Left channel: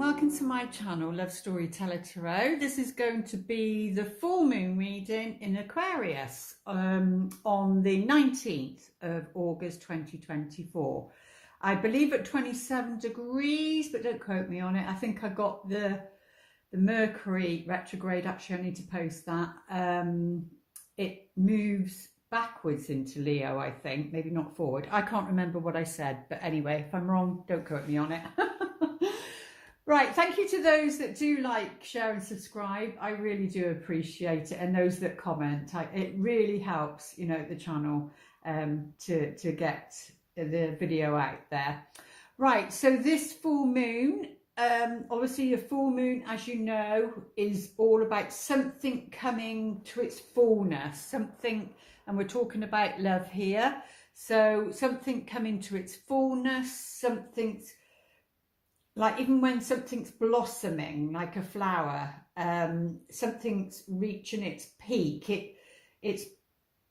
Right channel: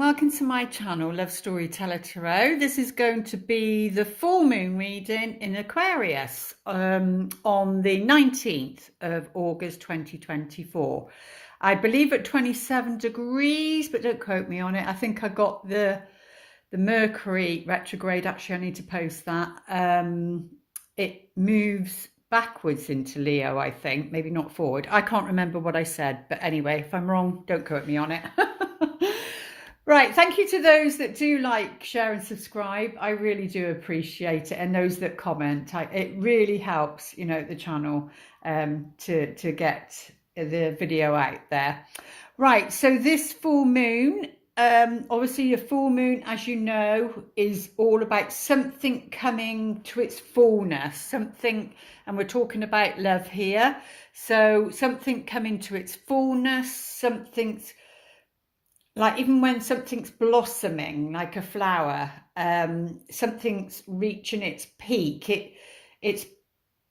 and welcome to my channel, Love Storyteller Tarot. This is going to be the full moon reading in Aquarius on the 19th of August 2024. I believe at 27 degrees, but don't quote me on it. I think I got the Mercury retrograde. Actually, I need to post that. It moves backwards into Leo, I think, maybe not forward. I can't remember what I said, but anyway, if I'm wrong, don't quote me on it. Right, thank you to those that do like, share and subscribe. I really do appreciate it, and those that comment. It really helps, you know, the channel to get the video out there. Right, so this full moon, obviously a full moon, as you know, is all about something coming to its fullness, something, and we're talking about love here. So something coming to its fullness, something's like, even when something's blossoming like a flower, something's reaching its peak, it's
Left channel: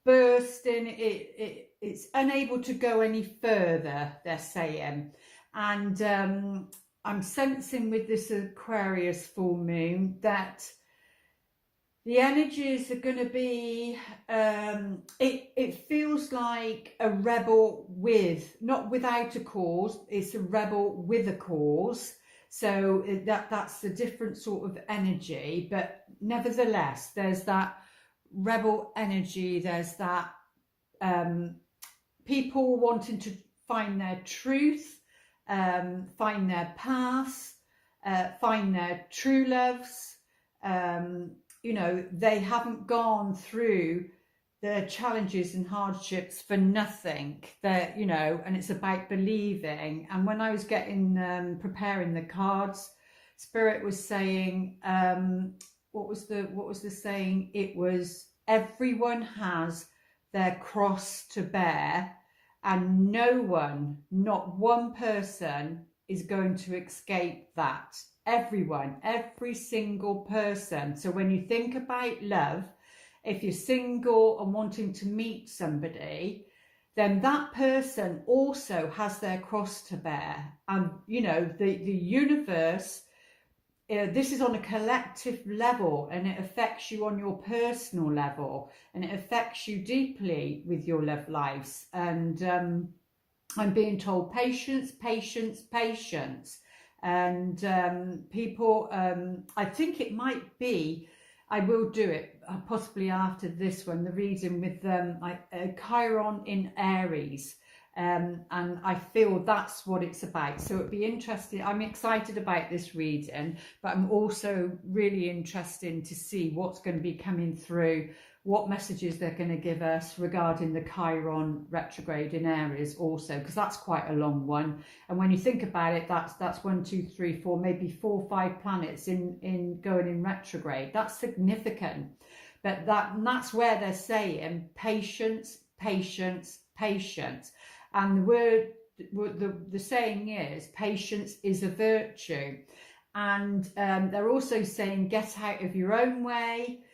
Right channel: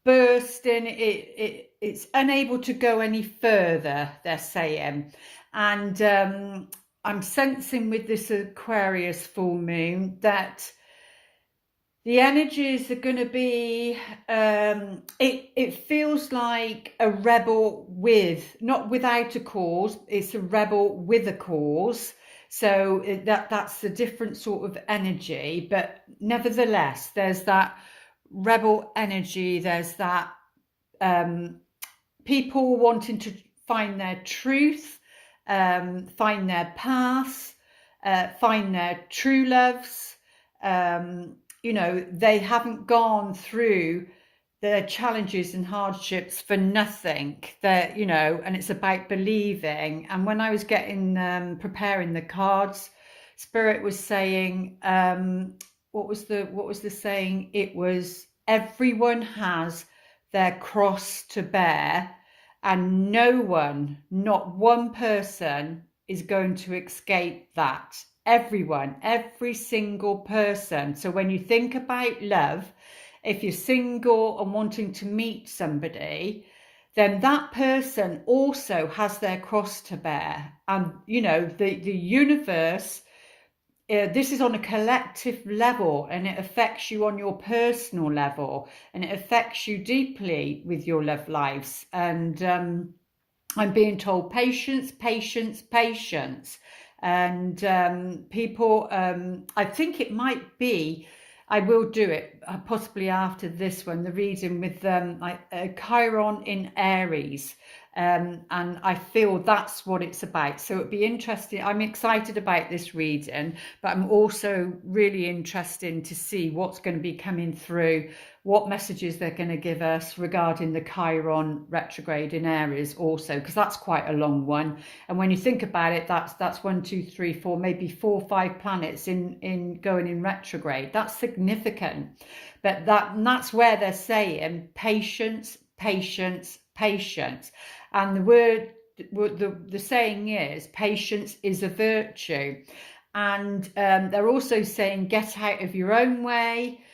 bursting, it's unable to go any further, they're saying. And I'm sensing with this Aquarius full moon that the energies are going to be, it feels like a rebel not without a cause, it's a rebel with a cause. So that's a different sort of energy, but nevertheless, there's that rebel energy, there's that people wanting to find their truth, find their paths, find their true loves. You know, they haven't gone through their challenges and hardships for nothing. They're, you know, and it's about believing. And when I was preparing the cards, Spirit was saying, what was the saying? It was, everyone has their cross to bear, and no one, not one person, is going to escape that. Everyone, every single person. So when you think about love, if you're single and wanting to meet somebody, then that person also has their cross to bear. And, you know, the universe, this is on a collective level, and it affects you on your personal level, and it affects you deeply with your love lives. And I'm being told patience, patience, patience. And people, I think it might be, I will do it possibly after this one, the reading with Chiron in Aries. And I feel that's what it's about. So it'd be interesting. I'm excited about this reading, but I'm also really interested to see what's going to be coming through, what messages they're going to give us regarding the Chiron retrograde in Aries also, because that's quite a long one. And when you think about it, that's 1, 2, 3, 4, maybe 4 or 5 planets in going in retrograde. That's significant. But that's where they're saying patience, patience, patience. And the saying is, patience is a virtue. And they're also saying, get out of your own way.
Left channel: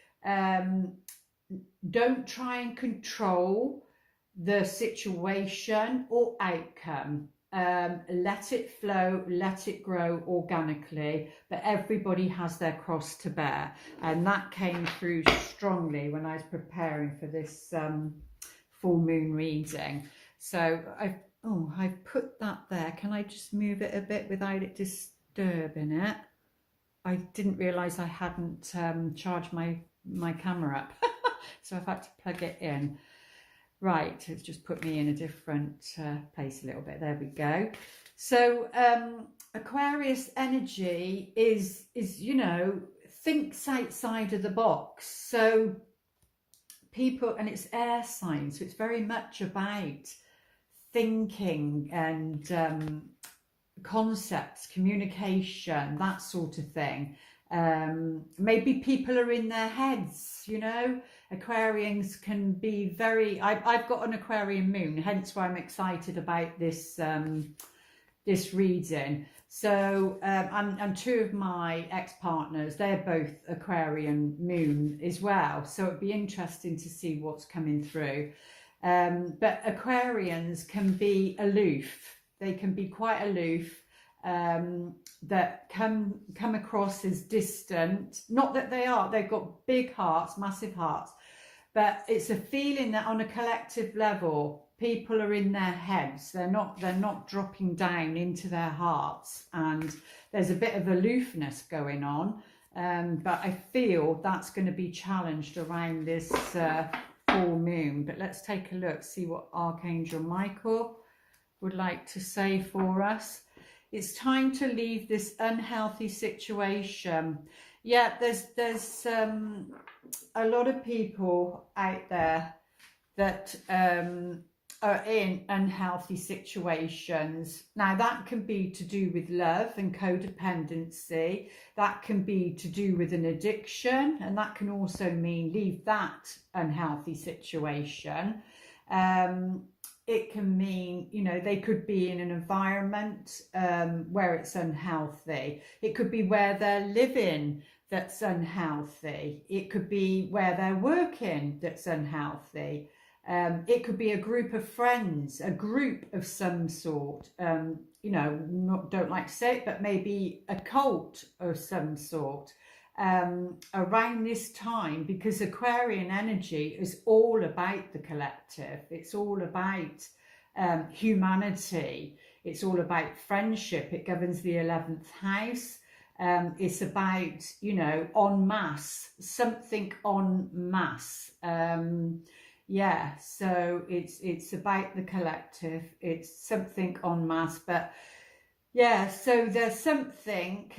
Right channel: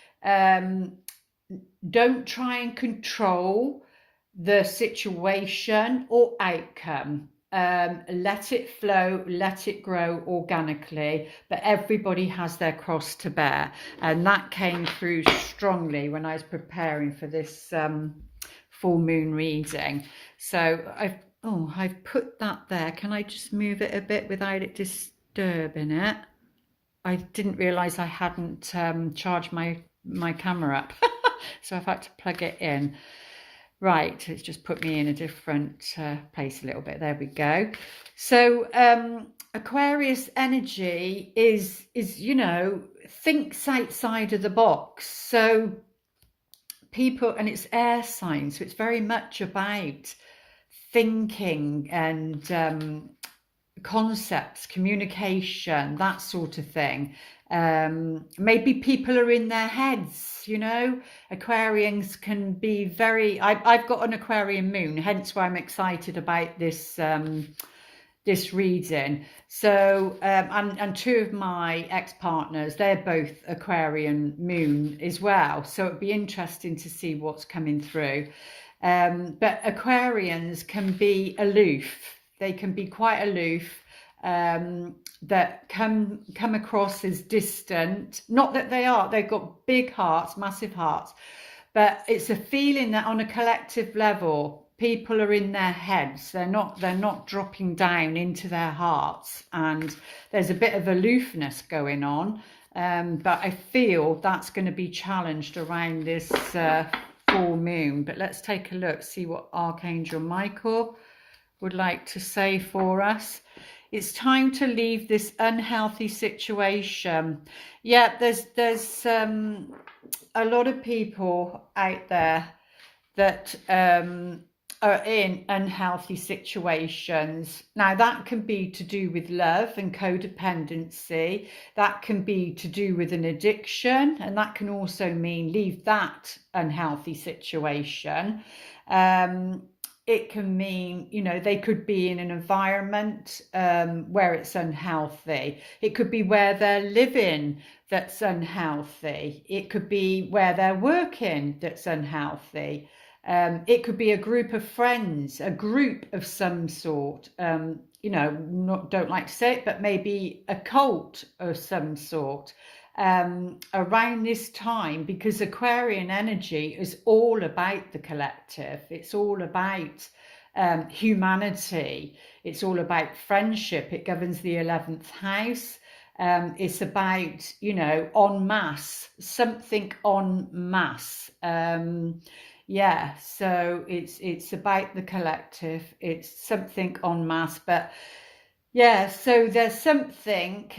Don't try and control the situation or outcome. Let it flow, let it grow organically, but everybody has their cross to bear. And that came through strongly when I was preparing for this full moon reading. So I've put that there. Can I just move it a bit without it disturbing it? I didn't realize I hadn't charged my camera up. So I've had to plug it in. Right, it's just put me in a different place a little bit. There we go. So Aquarius energy is, you know, thinks outside of the box. So people, and it's air sign, so it's very much about thinking and concepts, communication, that sort of thing. Maybe people are in their heads, you know. Aquarians can be very, I've got an Aquarian moon, hence why I'm excited about this this reading. So and 2 of my ex-partners, they're both Aquarian moon as well, so it'd be interesting to see what's coming through. But Aquarians can be aloof. They can be quite aloof. that come across as distant. Not that they are, they've got big hearts, massive hearts, but it's a feeling that on a collective level, people are in their heads. They're not dropping down into their hearts, and there's a bit of aloofness going on. But I feel that's going to be challenged around this full moon. But let's take a look, see what Archangel Michael would like to say for us. It's time to leave this unhealthy situation. Yeah, there's a lot of people out there that are in unhealthy situations. Now, that can be to do with love and codependency. That can be to do with an addiction, and that can also mean leave that unhealthy situation. It can mean, you know, they could be in an environment where it's unhealthy. It could be where they're living that's unhealthy. It could be where they're working that's unhealthy. It could be a group of friends, a group of some sort, you know, don't like to say it, but maybe a cult of some sort. Around this time, because Aquarian energy is all about the collective. It's all about humanity. It's all about friendship. It governs the 11th house. It's about, you know, en masse, something en masse. Yeah, so it's about the collective. It's something en masse. But yeah, so there's something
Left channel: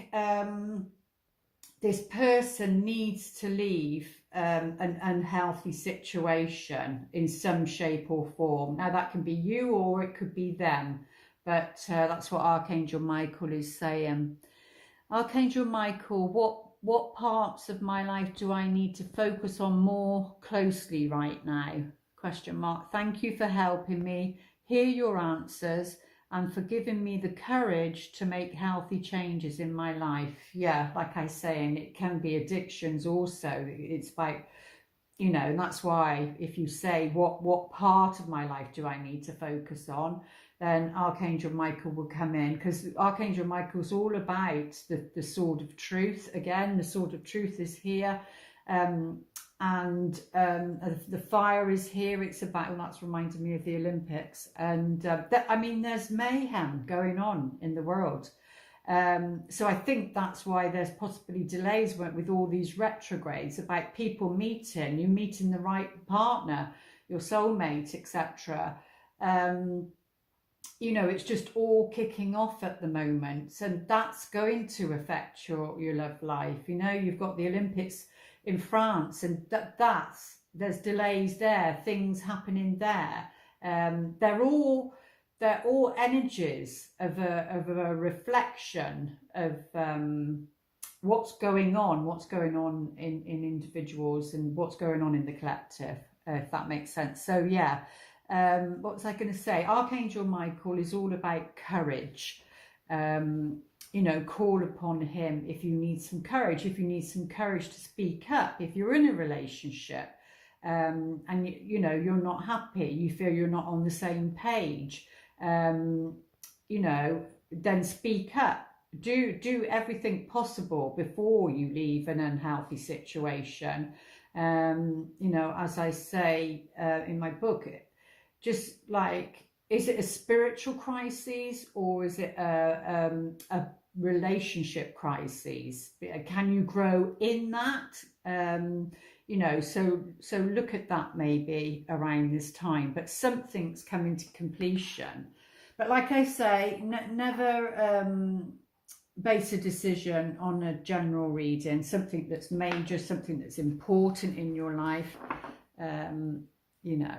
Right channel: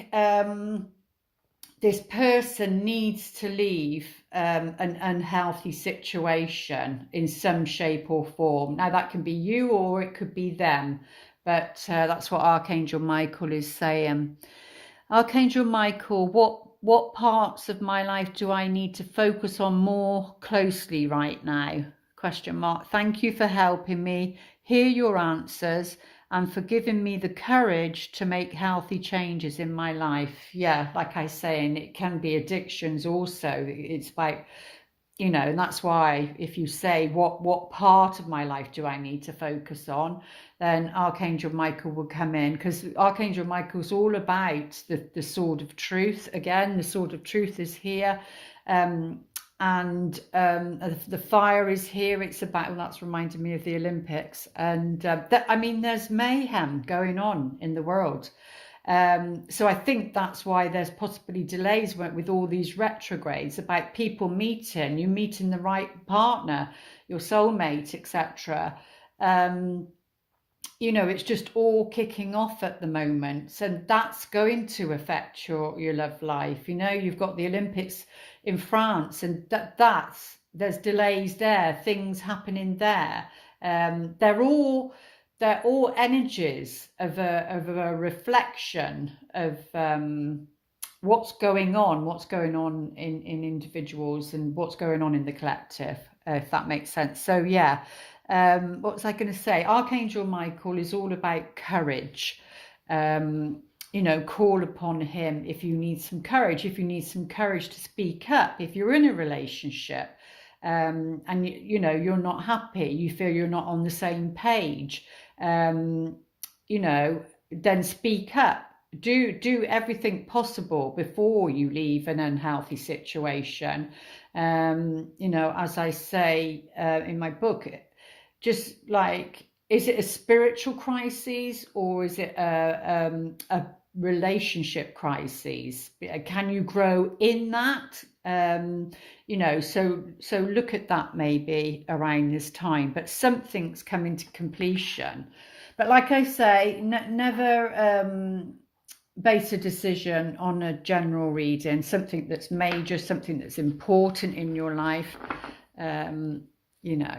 this person needs to leave an unhealthy situation in some shape or form. Now, that can be you or it could be them, but that's what Archangel Michael is saying. Archangel Michael, what parts of my life do I need to focus on more closely right now? Question mark. Thank you for helping me hear your answers and for giving me the courage to make healthy changes in my life. Yeah, like I say, and it can be addictions also. It's about, you know, and that's why if you say, what part of my life do I need to focus on, then Archangel Michael will come in, because Archangel Michael's all about the sword of truth. Again, the sword of truth is here. And the fire is here. It's about, well, that's reminding me of the Olympics, and I mean, there's mayhem going on in the world, so I think that's why there's possibly delays with all these retrogrades, about people meeting, you meeting the right partner, your soulmate, etc. You know, it's just all kicking off at the moment, and that's going to affect your love life. You know, you've got the Olympics in France, and there's delays there, things happening there. They're all energies of a reflection of what's going on in individuals and what's going on in the collective, if that makes sense. So yeah, what was I going to say? Archangel Michael is all about courage. You know, call upon him if you need some courage, to speak up, if you're in a relationship and you know, you're not happy, you feel you're not on the same page, you know, then speak up. Do everything possible before you leave an unhealthy situation. You know, as I say in my book, just like, is it a spiritual crisis or is it a relationship crisis? Can you grow in that? You know, so look at that maybe around this time, but something's coming to completion. But like I say, never base a decision on a general reading, something that's major, something that's important in your life, you know.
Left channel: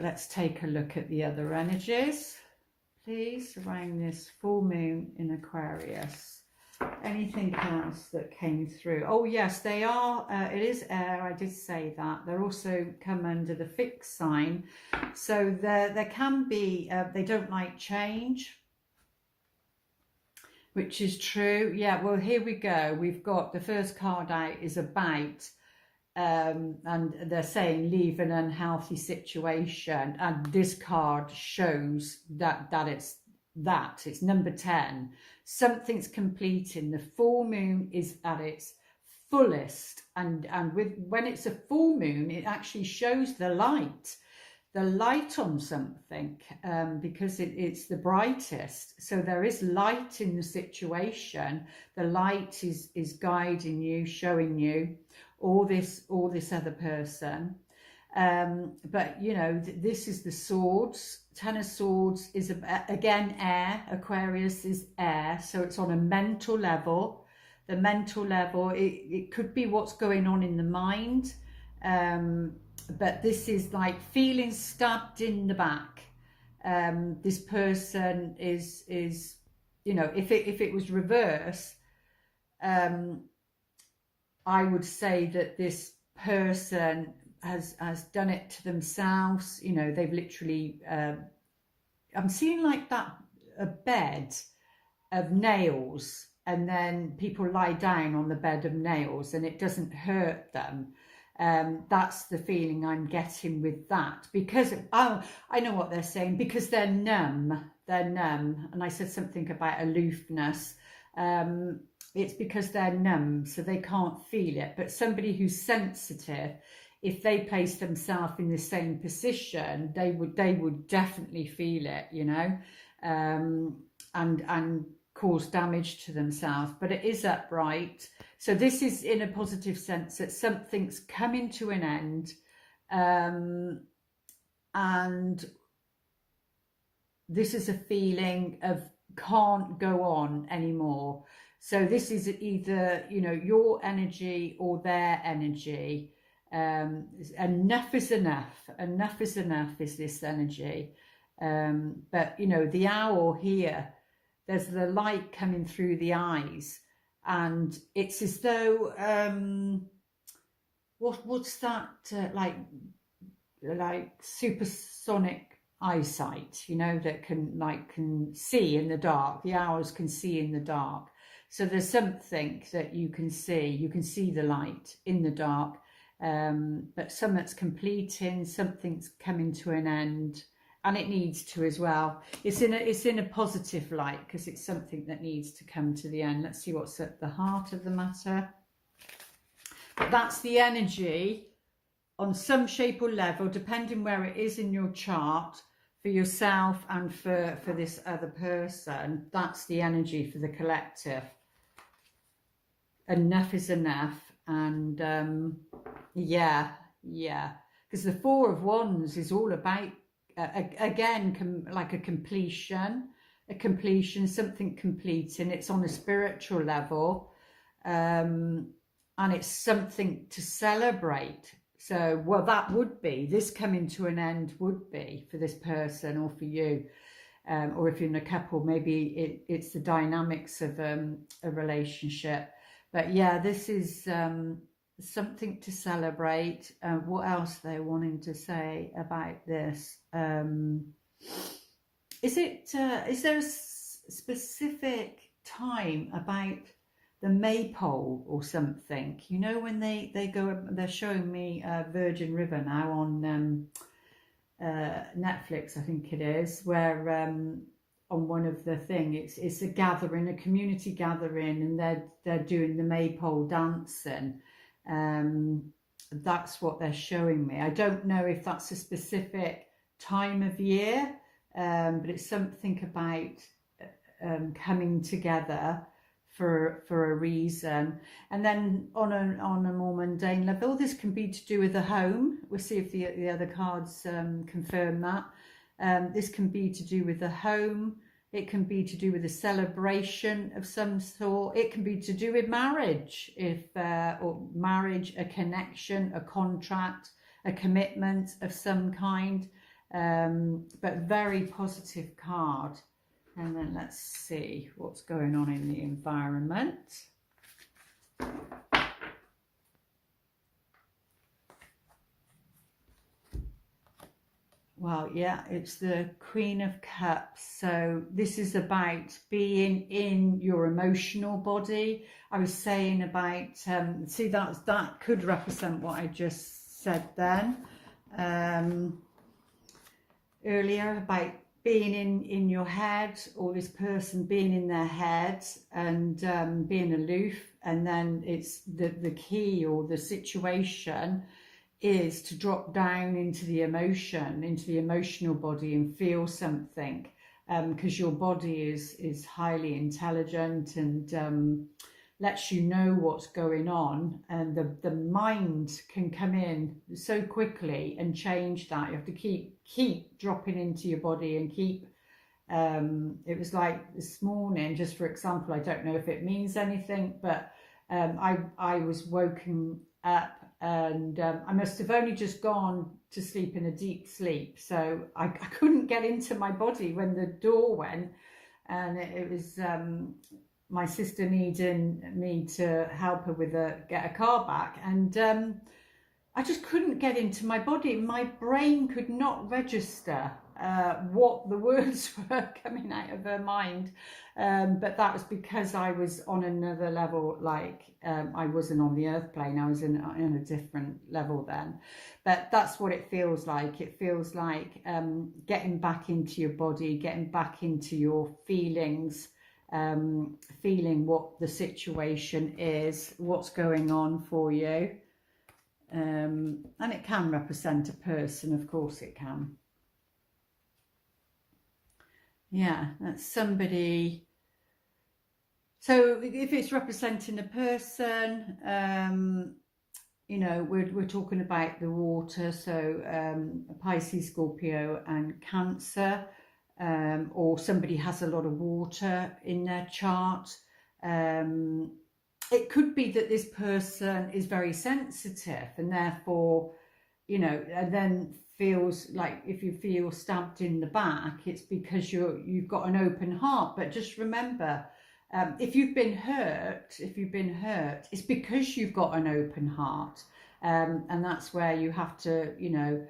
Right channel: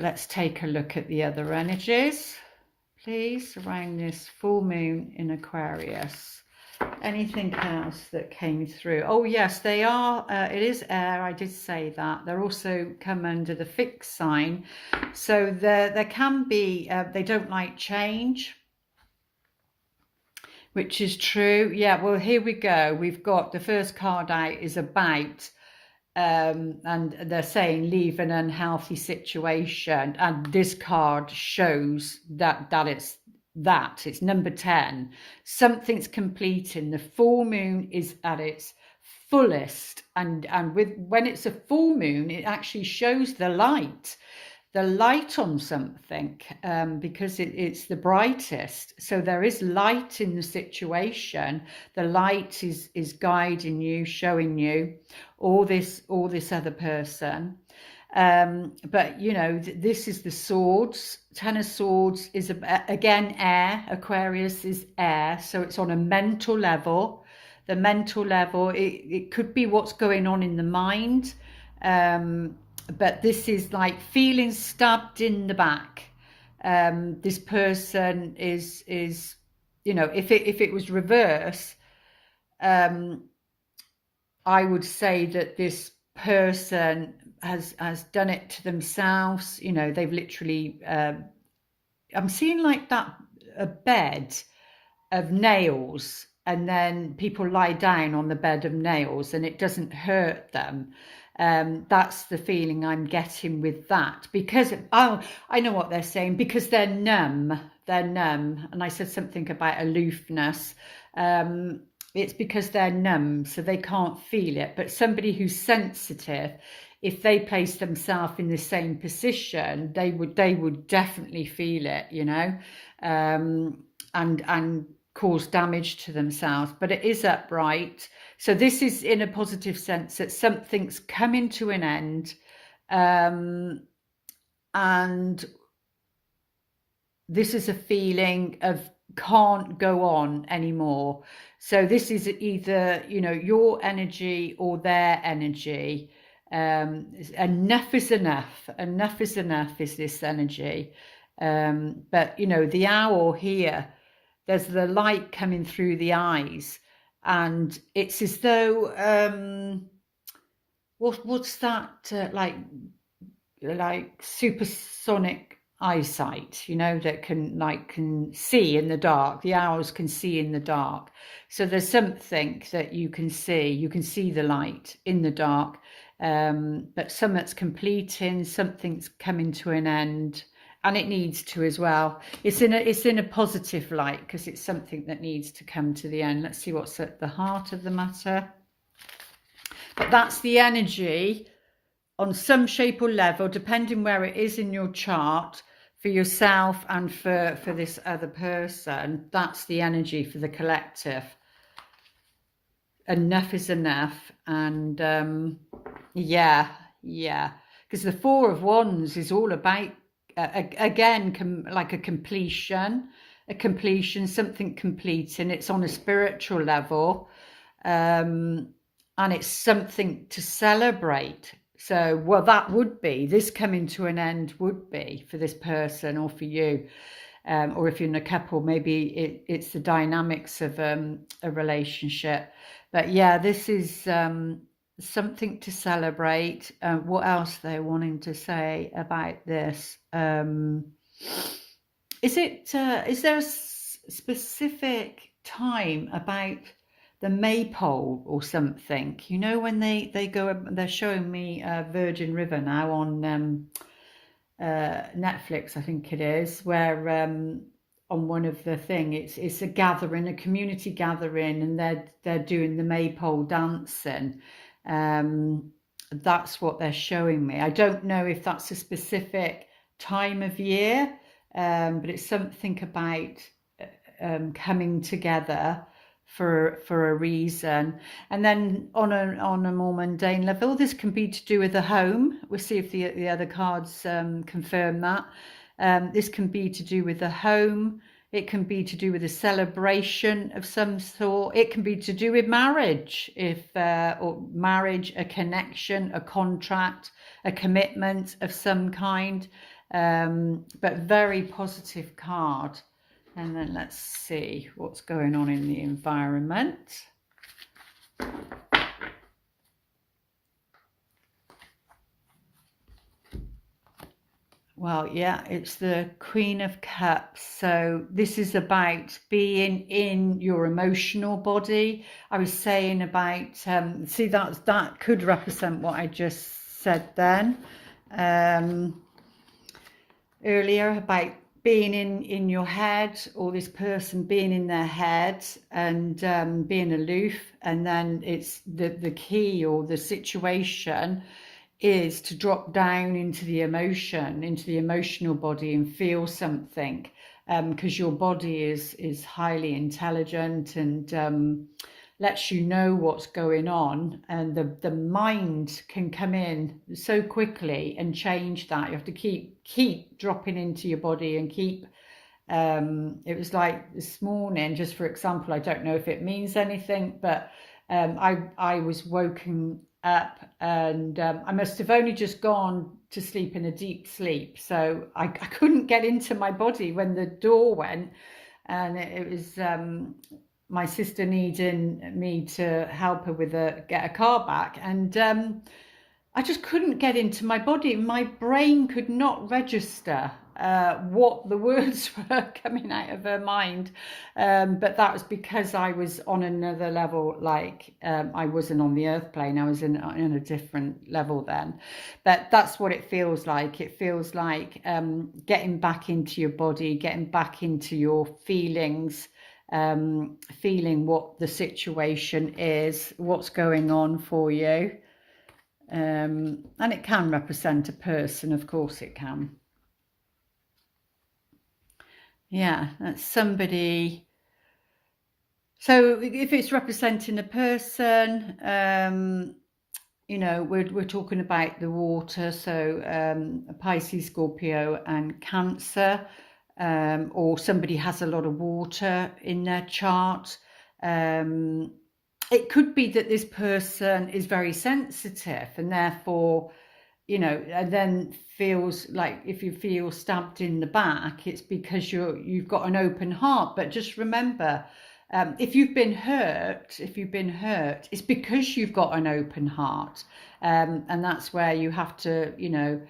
Let's take a look at the other energies, please, around this full moon in Aquarius. Anything else that came through? Oh yes, they are, it is air, I did say that. They're also come under the fixed sign. So there can be, they don't like change, which is true. Yeah, well, here we go. We've got the first card out is about, and they're saying leave an unhealthy situation, and this card shows that it's that. It's number 10. Something's completing. The full moon is at its fullest, and when it's a full moon, it actually shows the light on something, because it's the brightest. So there is light in the situation. The light is guiding you, showing you, or this other person. But you know, this is the swords. 10 of Swords is again air. Aquarius is air, so it's on a mental level. The mental level, it could be what's going on in the mind, but this is like feeling stabbed in the back. This person is, you know, if it was reverse, I would say that this person has done it to themselves. You know, they've literally, I'm seeing like that, a bed of nails, and then people lie down on the bed of nails and it doesn't hurt them. That's the feeling I'm getting with that, because I know what they're saying, because they're numb. And I said something about aloofness. It's because they're numb, so they can't feel it. But somebody who's sensitive, if they place themselves in the same position, they would definitely feel it, you know, and cause damage to themselves. But it is upright, so this is in a positive sense, that something's coming to an end, and this is a feeling of can't go on anymore. So this is either, you know, your energy or their energy. Enough is enough. Enough is enough is this energy. But you know, the owl here, there's the light coming through the eyes, and it's as though what's that, like supersonic eyesight, you know, that can see in the dark. The owls can see in the dark. So there's something that you can see the light in the dark, but something's completing, something's coming to an end. And it needs to as well. It's in a positive light, because it's something that needs to come to the end. Let's see what's at the heart of the matter. But that's the energy on some shape or level, depending where it is in your chart, for yourself and for this other person. That's the energy for the collective. Enough is enough. And yeah, because the Four of Wands is all about, again, like a completion, something completing. It's on a spiritual level, and it's something to celebrate. So, well, that would be, this coming to an end would be for this person or for you, or if you're in a couple, maybe it's the dynamics of a relationship. But yeah, this is something to celebrate. What else they're wanting to say about this? Is there a specific time about the maypole or something? You know, when they go, they're showing me Virgin River now on Netflix, I think it is, where on one of the thing, it's a gathering, a community gathering, and they're doing the maypole dancing. That's what they're showing me. I don't know if that's a specific time of year, but it's something about coming together for a reason. And then on a more mundane level, this can be to do with the home. We'll see if the other cards confirm that. This can be to do with the home. It can be to do with a celebration of some sort. It can be to do with marriage, or marriage, a connection, a contract, a commitment of some kind. But very positive card. And then let's see what's going on in the environment. Well, yeah, it's the Queen of Cups. So this is about being in your emotional body. I was saying about, see, that could represent what I just said then. Earlier, about being in your head, or this person being in their head and being aloof, and then it's the key or the situation is to drop down into the emotion, into the emotional body, and feel something, because your body is highly intelligent and lets you know what's going on, and the mind can come in so quickly and change that. You have to keep dropping into your body and keep it was like this morning, just for example, I don't know if it means anything, but I was woken up, and I must have only just gone to sleep in a deep sleep, so I couldn't get into my body when the door went, and it was my sister needing me to help her with get a car back, and I just couldn't get into my body. My brain could not register what the words were coming out of her mind, but that was because I was on another level. Like I wasn't on the earth plane, I was in a different level then. But that's what it feels like. It feels like getting back into your body, getting back into your feelings, feeling what the situation is, what's going on for you. And it can represent a person, of course it can. Yeah, that's somebody. So if it's representing a person, you know, we're talking about the water, so Pisces, Scorpio and Cancer, or somebody has a lot of water in their chart. It could be that this person is very sensitive, and therefore, you know, and then feels like, if you feel stabbed in the back, it's because you've got an open heart. But just remember, if you've been hurt, it's because you've got an open heart, and that's where you have to, you know,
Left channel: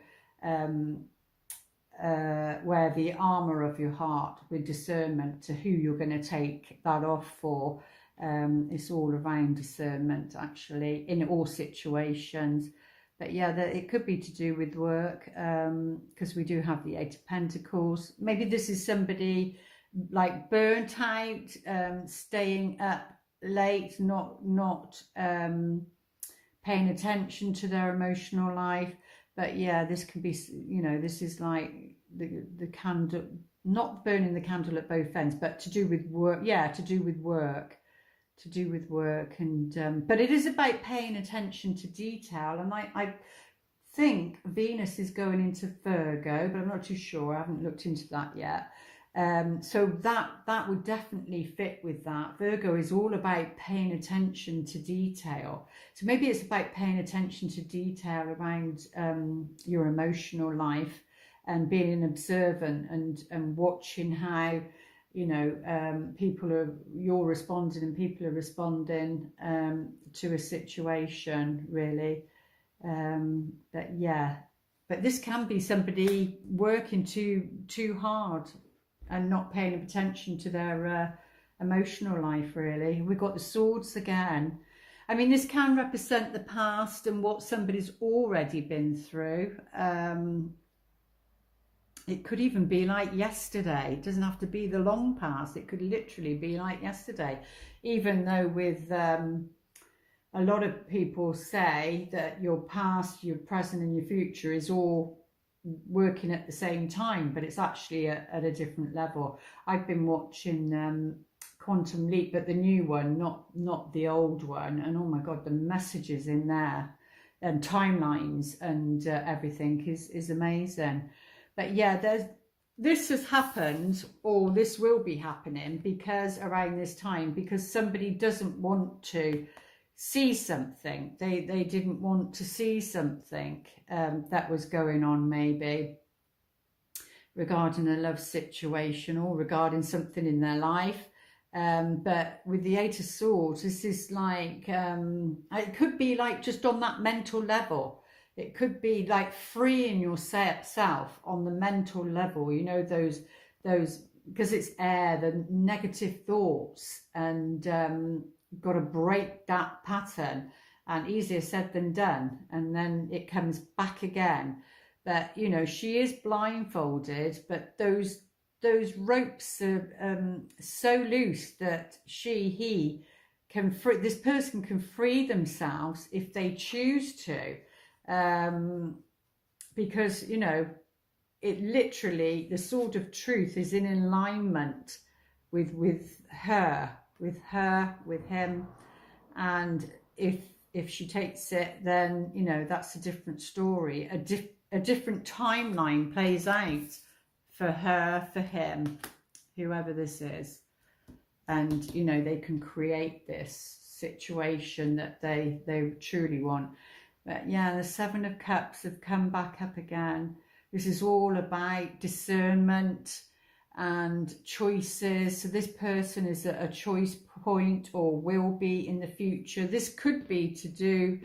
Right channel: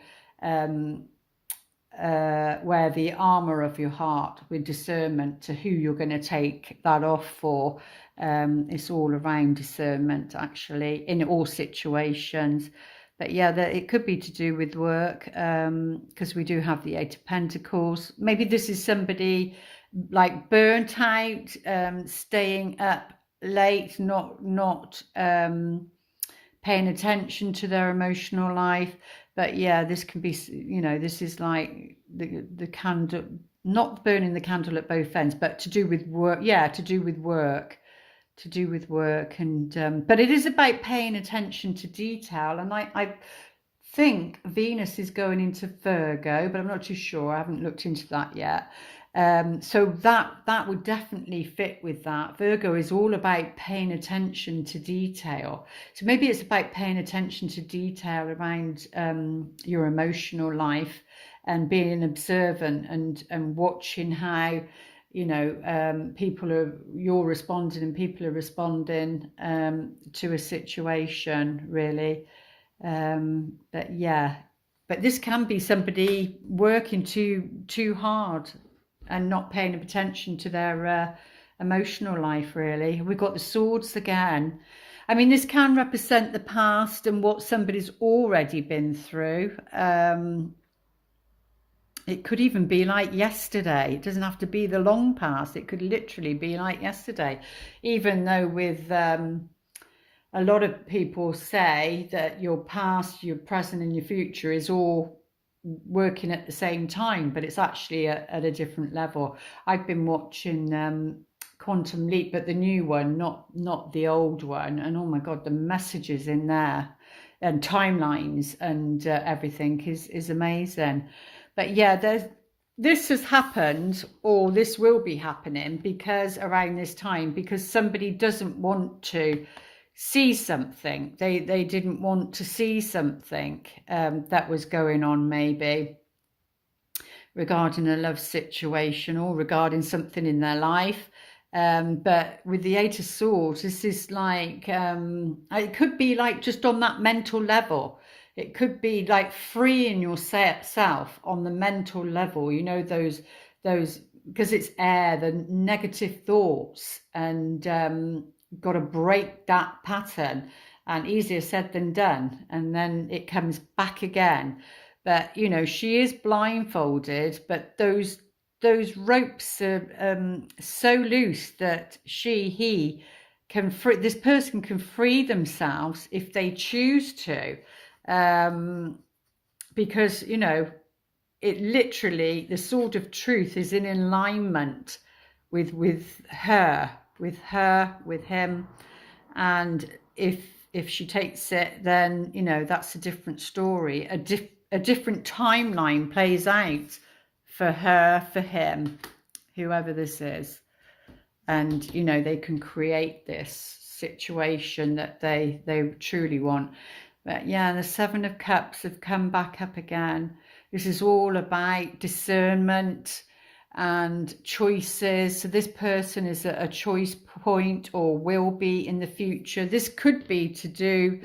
wear the armor of your heart with discernment to who you're going to take that off for. It's all around discernment, actually, in all situations. But yeah, it could be to do with work, because we do have the Eight of Pentacles. Maybe this is somebody like burnt out, staying up late, not paying attention to their emotional life. But yeah, this can be, you know, this is like the candle, not burning the candle at both ends, but to do with work. Yeah, to do with work. And but it is about paying attention to detail, and I think Venus is going into Virgo, but I'm not too sure. I haven't looked into that yet. So that would definitely fit with that. Virgo is all about paying attention to detail. So maybe it's about paying attention to detail around your emotional life, and being observant and watching how, you know, you're responding and people are responding to a situation, really. But yeah, but this can be somebody working too hard and not paying attention to their emotional life, really. We've got the swords again. I mean, this can represent the past and what somebody's already been through. It could even be like yesterday. It doesn't have to be the long past. It could literally be like yesterday. Even though with a lot of people say that your past, your present and your future is all working at the same time, but it's actually at a different level. I've been watching Quantum Leap, but the new one, not the old one. And oh my God, the messages in there and timelines and everything is amazing. But yeah, this has happened, or this will be happening, because around this time, because somebody doesn't want to see something. They didn't want to see something that was going on, maybe regarding a love situation or regarding something in their life. But with the Eight of Swords, this is like, it could be like just on that mental level. It could be like freeing yourself on the mental level, you know, those because it's air, the negative thoughts, and got to break that pattern, and easier said than done, and then it comes back again. But you know, she is blindfolded, but those those ropes are so loose that he can free, this person can free themselves if they choose to, because, you know, it literally, the sword of truth is in alignment with her, with him. And if she takes it, then, you know, that's a different story. A different timeline plays out for her, for him, whoever this is. And, you know, they can create this situation that they truly want. But yeah, the Seven of Cups have come back up again. This is all about discernment and choices. So this person is at a choice point, or will be in the future. This could be to do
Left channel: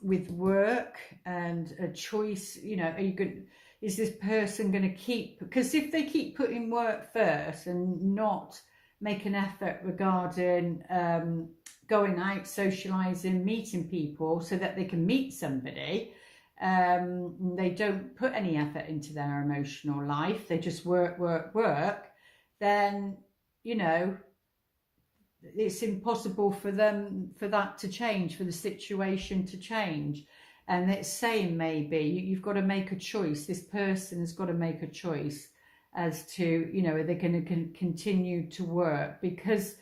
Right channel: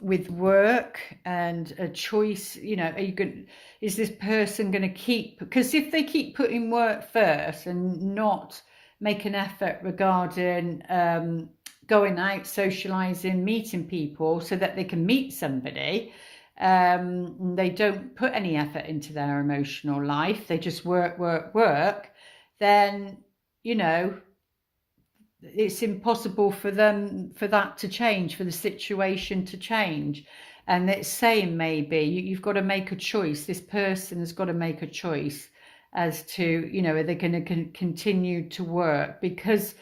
with work and a choice. You know, are you going, is this person going to keep, because if they keep putting work first and not make an effort regarding going out, socializing, meeting people so that they can meet somebody, they don't put any effort into their emotional life, they just work, then, you know, it's impossible for them, for that to change, for the situation to change. And it's saying, maybe you've got to make a choice. This person has got to make a choice as to, you know, are they going to continue to work? Because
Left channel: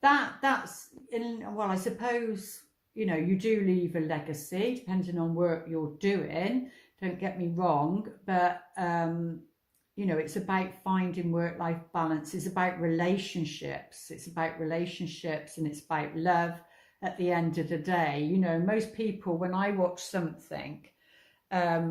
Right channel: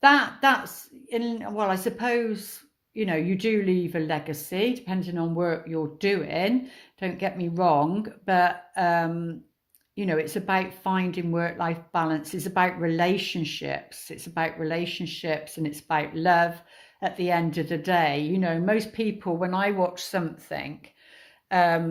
that's in, well, I suppose, you know, you do leave a legacy depending on work you're doing, don't get me wrong, but you know, it's about finding work-life balance. It's about relationships. It's about relationships, and it's about love at the end of the day. You know, most people, when I watch something, a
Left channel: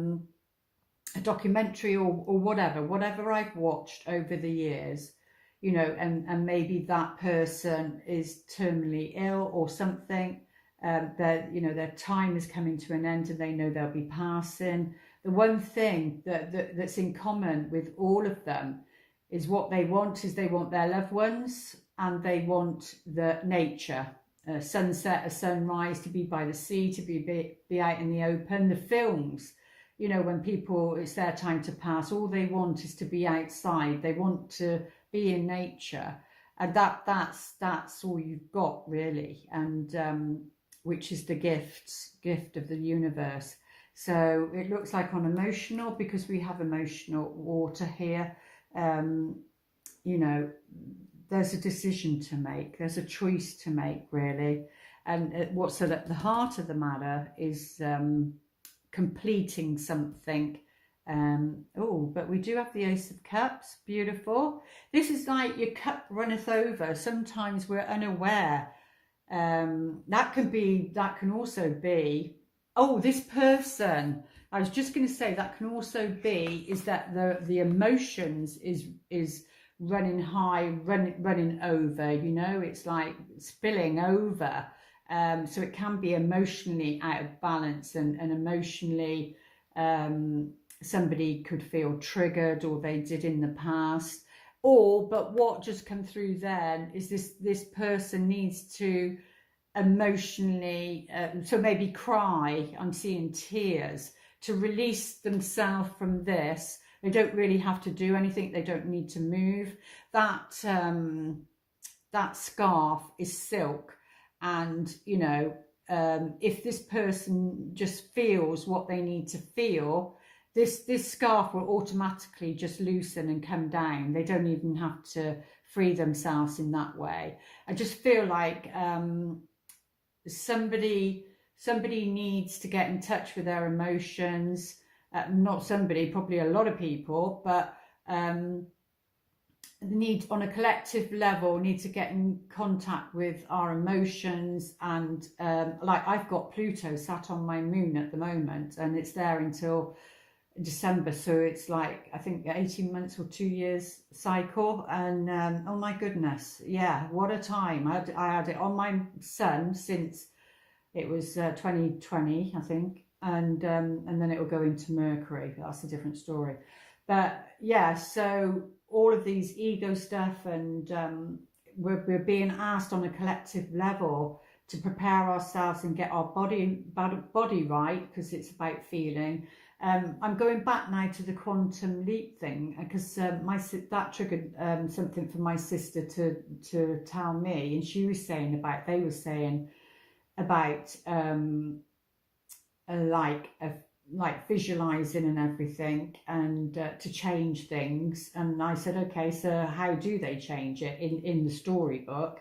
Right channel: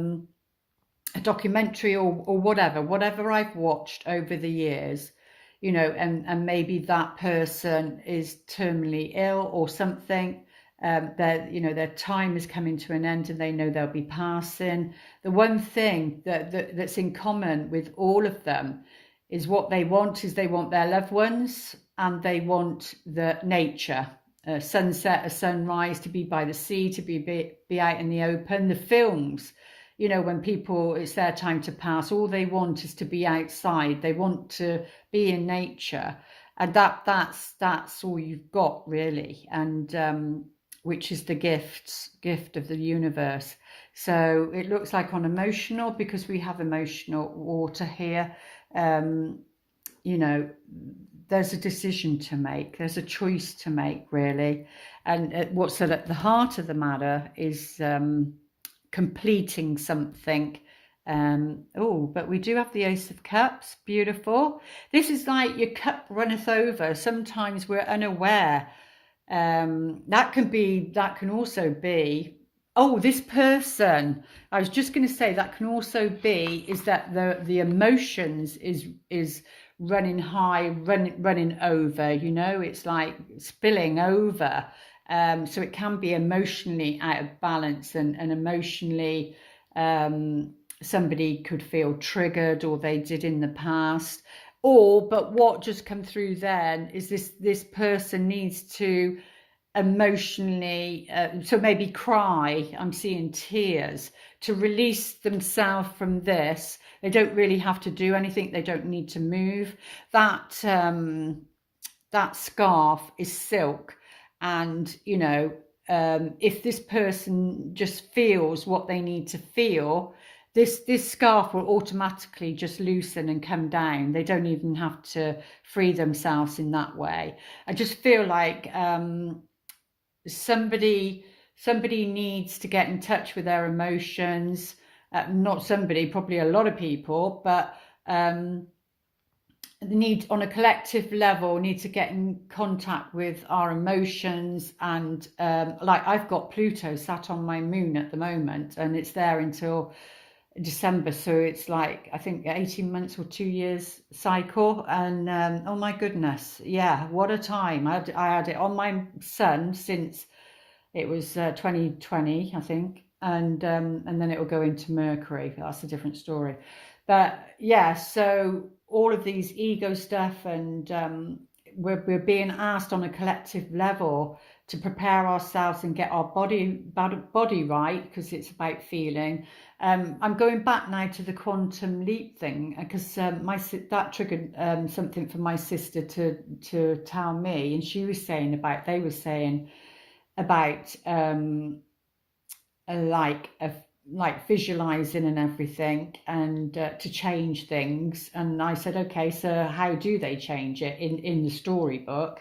documentary or whatever I've watched over the years, you know, and maybe that person is terminally ill or something, you know, their time is coming to an end and they know they'll be passing. The one thing that's in common with all of them is what they want is they want their loved ones, and they want the nature, a sunset, a sunrise, to be by the sea, to be out in the open. The films, you know, when people, it's their time to pass, all they want is to be outside. They want to be in nature, and that's all you've got, really. And which is the gift of the universe. So it looks like on emotional, because we have emotional water here, you know, there's a decision to make, there's a choice to make, really. And what's at the heart of the matter is completing something. Oh, but we do have the Ace of Cups. Beautiful. This is like your cup runneth over. Sometimes we're unaware. That can also be, oh, this person, I was just going to say, that can also be is that the emotions is running high, running over, you know, it's like spilling over. So it can be emotionally out of balance, and emotionally somebody could feel triggered, or they did in the past. Or, but what just come through then is this person needs to emotionally, so maybe cry, I'm seeing tears, to release themselves from this. They don't really have to do anything, they don't need to move. That scarf is silk, and, you know, if this person just feels what they need to feel, this scarf will automatically just loosen and come down. They don't even have to free themselves in that way. I just feel like somebody needs to get in touch with their emotions. Not somebody, probably a lot of people, but need, on a collective level, need to get in contact with our emotions. And like, I've got Pluto sat on my moon at the moment, and it's there until December, so it's like, I think 18 months or 2 years cycle. And oh my goodness, yeah, what a time. I had it on my sun since it was 2020, I think, and then it will go into Mercury. That's a different story. But yeah, so all of these ego stuff, and we're being asked on a collective level to prepare ourselves and get our body right, because it's about feeling, I'm going back now to the quantum leap thing because that triggered something for my sister to tell me, and she was saying about like visualizing and everything, and to change things. And I said, okay, so how do they change it in the storybook?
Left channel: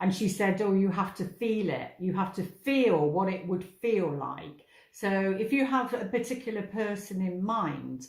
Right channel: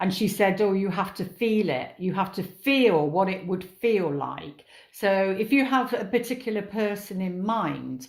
And she said, oh, you have to feel it. You have to feel what it would feel like. So if you have a particular person in mind,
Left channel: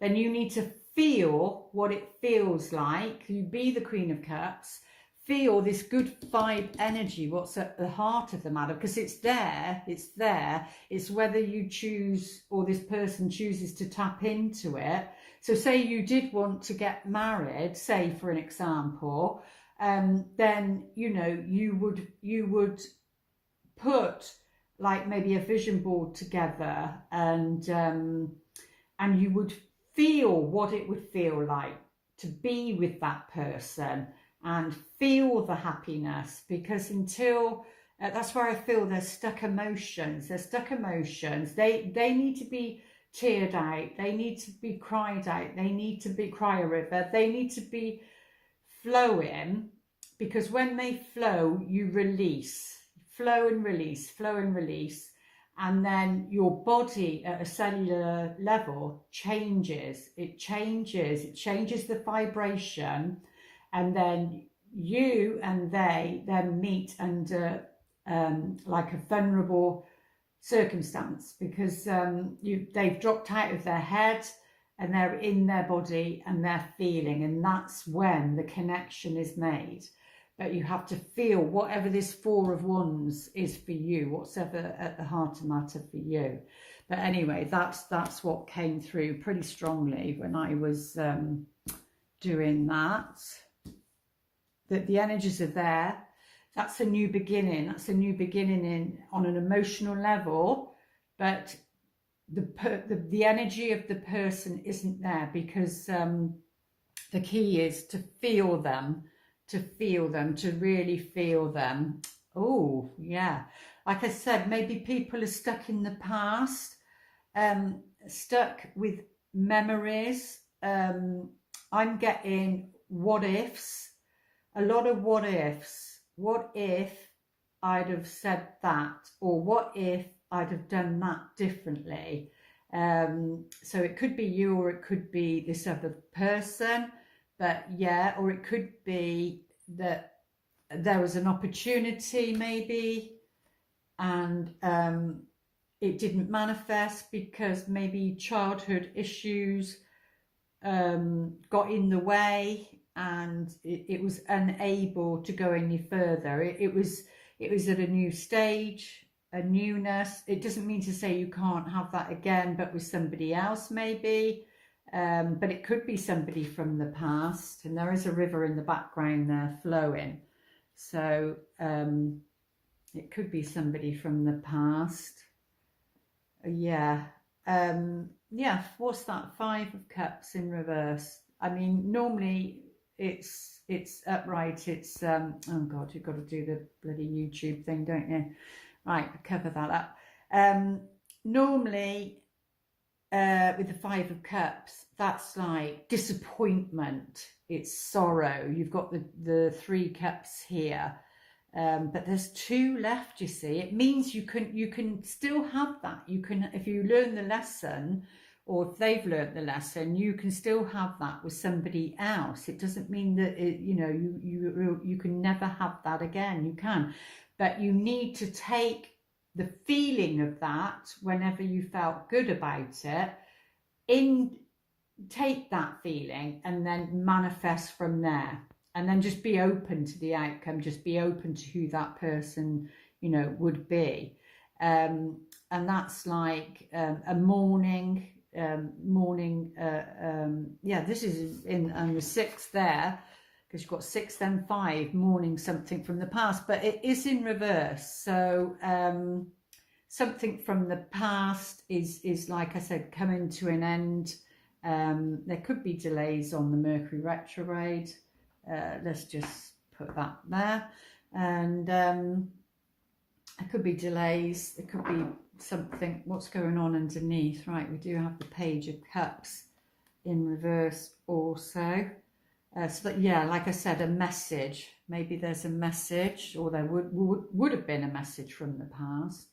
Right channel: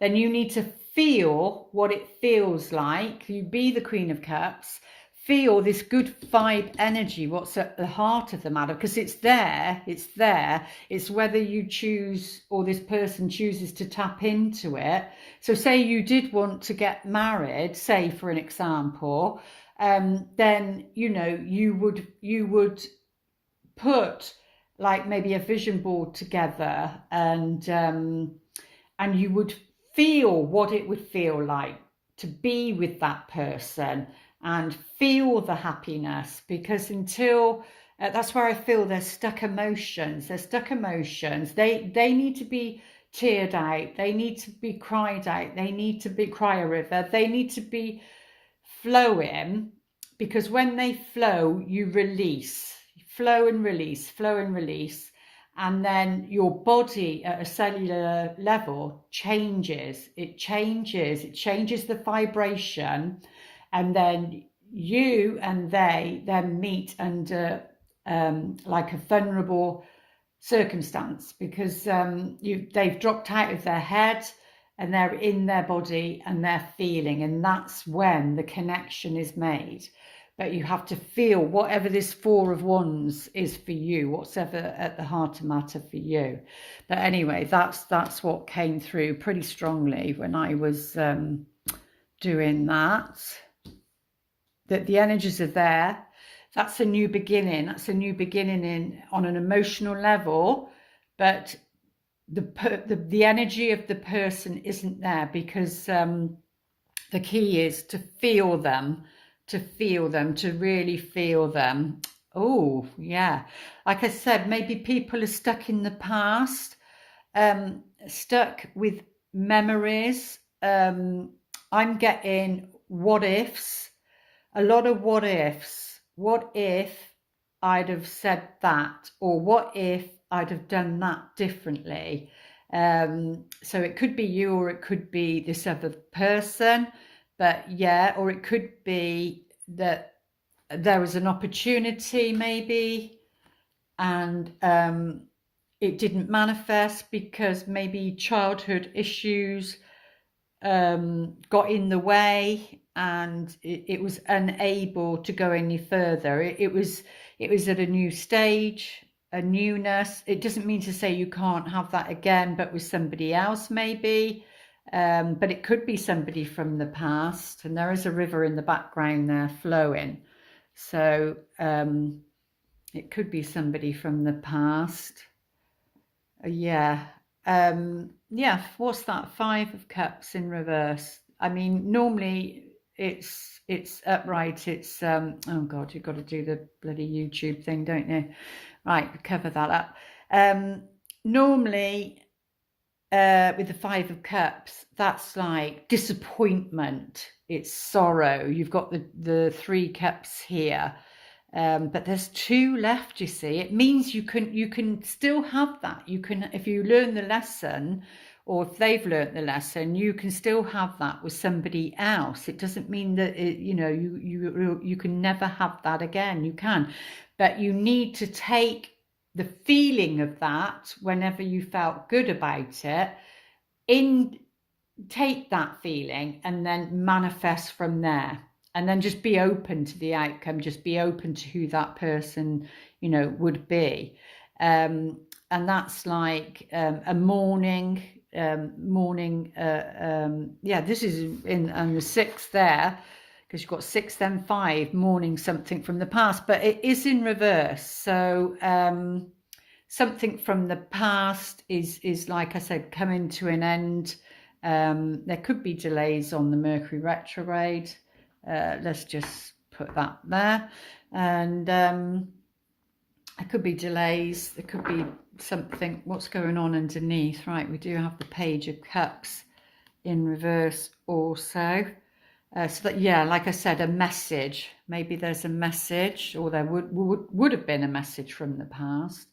then you need to feel what it feels like. You be the Queen of Cups, feel this good vibe energy, what's at the heart of the matter, because it's there. It's whether you choose, or this person chooses to tap into it. So say you did want to get married, say for an example, then you would put like maybe a vision board together, and you would feel what it would feel like to be with that person and feel the happiness, because until that's where I feel there's stuck emotions. They need to be teared out, they need to be cried out, they need to be cry a river, they need to be flowing, because when they flow, you release, flow and release, and then your body at a cellular level changes. It changes the vibration, and then you and they then meet under like a vulnerable circumstance, because they've dropped out of their head and they're in their body and they're feeling, and that's when the connection is made. But you have to feel whatever this Four of Wands is for you, whatever at the heart of matter for you. But anyway, that's what came through pretty strongly when I was doing that. That the energies are there. That's a new beginning. That's a new beginning on an emotional level, but the energy of the person isn't there, because the key is to feel them, to really feel them. Oh yeah, like I said, maybe people are stuck in the past, stuck with memories. I'm getting what ifs, a lot of what ifs. What if I'd have said that, or what if I'd have done that differently? So it could be you, or it could be this other person, but yeah, or it could be that there was an opportunity maybe, and it didn't manifest because maybe childhood issues got in the way, and it was unable to go any further. It was at a new stage, a newness. It doesn't mean to say you can't have that again, but with somebody else maybe. But it could be somebody from the past, and there is a river in the background there flowing. So it could be somebody from the past. Yeah. Yeah, what's that? Five of Cups in reverse. I mean, normally it's upright. It's oh god, you've got to do the bloody YouTube thing, don't you? Right, cover that up. Normally with the Five of Cups, that's like disappointment, it's sorrow. You've got the Three Cups here, but there's two left, you see. It means you can still have that. You can, if you learn the lesson, or if they've learned the lesson, you can still have that with somebody else. It doesn't mean that you can never have that again. You can, but you need to take the feeling of that whenever you felt good about it, take that feeling and then manifest from there, and then just be open to the outcome, just be open to who that person would be. And that's like a mourning, yeah, this is in the six there, because you've got 6 then 5, mourning something from the past, but it is in reverse. So something from the past is like I said, coming to an end. There could be delays on the Mercury retrograde. Let's just put that there. And there could be delays, there could be something, what's going on underneath. Right, we do have the Page of Cups in reverse also. So that, yeah, like I said, a message. Maybe there's a message, or there would have been a message from the past,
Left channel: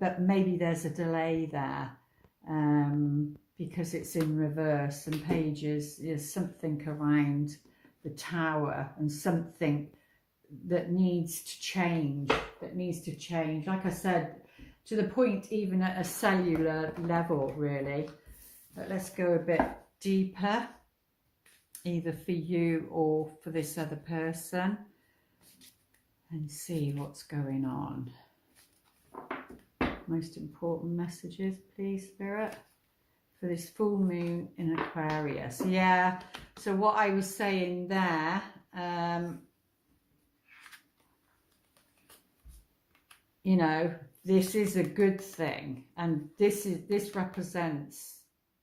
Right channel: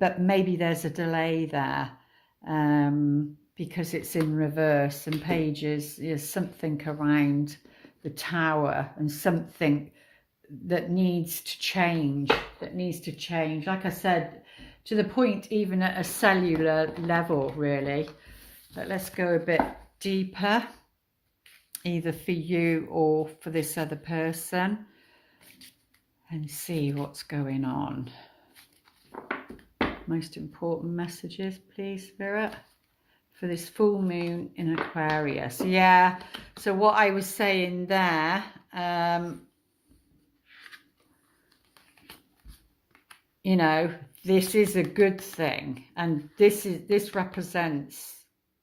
but maybe there's a delay there, because it's in reverse, and pages is something around the Tower and something that needs to change. Like I said, to the point even at a cellular level, really. But let's go a bit deeper, either for you or for this other person, and see what's going on. Most important messages, please, Spirit, for this full moon in Aquarius. Yeah, so what I was saying there, you know, this is a good thing, and this represents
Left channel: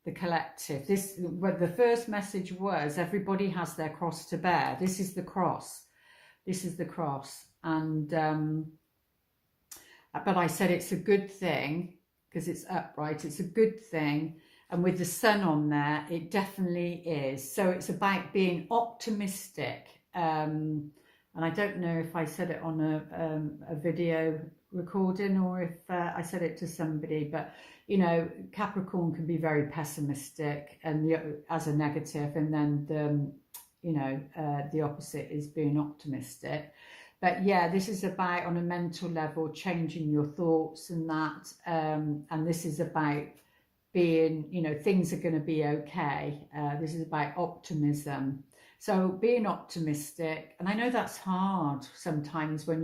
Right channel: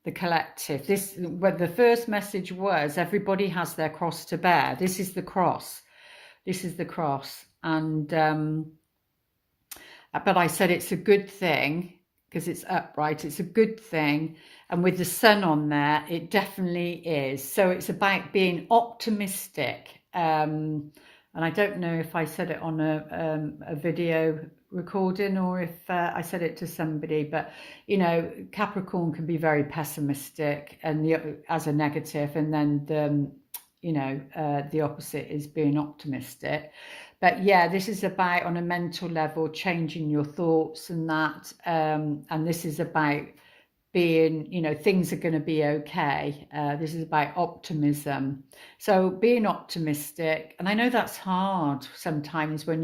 the collective. This, what the first message was, everybody has their cross to bear. This is the cross. This is the cross. And but I said it's a good thing because it's upright. It's a good thing. And with the sun on there, it definitely is. So it's about being optimistic. And I don't know if I said it on a video recording or if I said it to somebody, but you know, Capricorn can be very pessimistic and as a negative, and then the, you know, the opposite is being optimistic. But yeah, this is about, on a mental level, changing your thoughts and that, and this is about being, you know, things are going to be okay. This is about optimism. So being optimistic, and I know that's hard sometimes when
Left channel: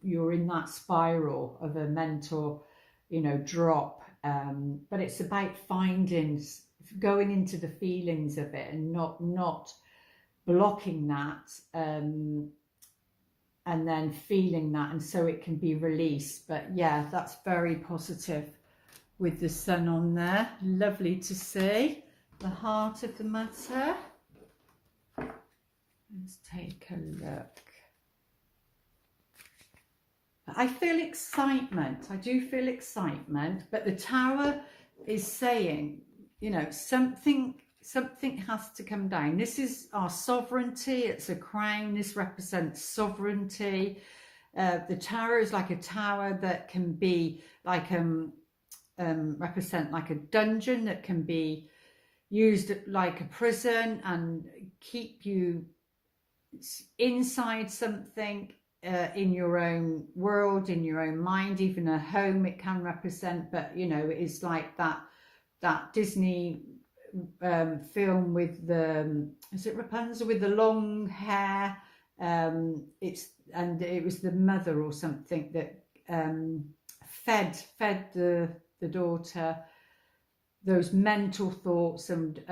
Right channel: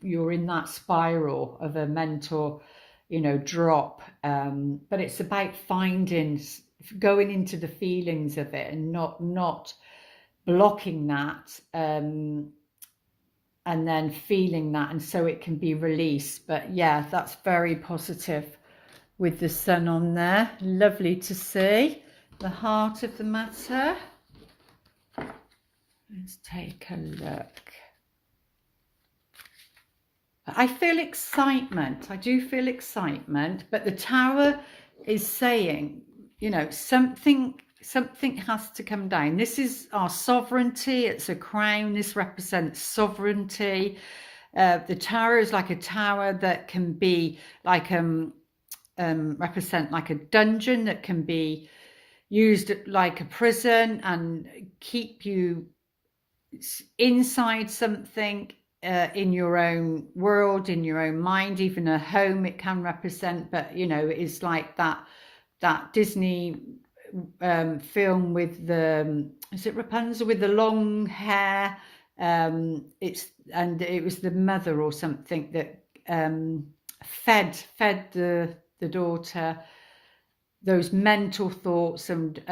you're in that spiral of a mental, you know, drop. But it's about going into the feelings of it and not blocking that, and then feeling that, and so it can be released. But yeah, that's very positive with the sun on there. Lovely to see the heart of the matter. Let's take a look. I feel excitement. I do feel excitement, but the Tower is saying, you know, something has to come down. This is our sovereignty. It's a crown. This represents sovereignty. The Tower is like a tower that can be like represent like a dungeon, that can be used like a prison and keep you inside something, in your own world, in your own mind. Even a home it can represent, but you know, it's like that Disney film with the, is it Rapunzel with the long hair? It was the mother or something that fed the daughter those mental thoughts, and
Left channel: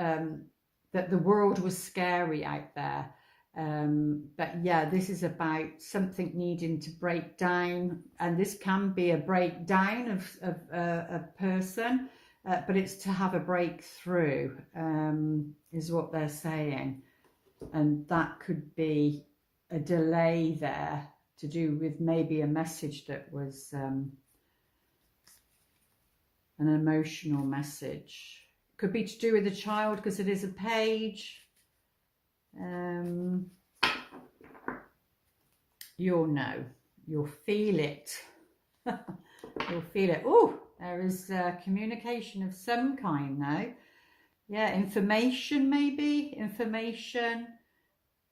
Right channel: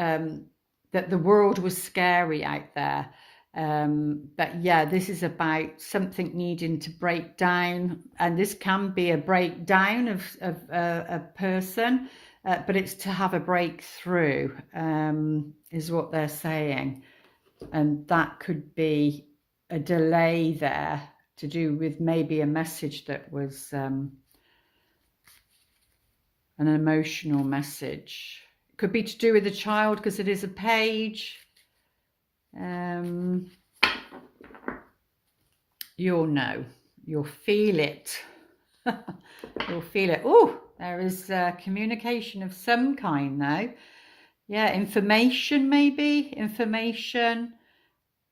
that the world was scary out there. But yeah, this is about something needing to break down, and this can be a breakdown of a person, but it's to have a breakthrough, is what they're saying. And that could be a delay there to do with maybe a message that was an emotional message. It could be to do with a child, because it is a page. You'll know, you'll feel it. You'll feel it. Oh, there is communication of some kind though. Yeah, information, maybe information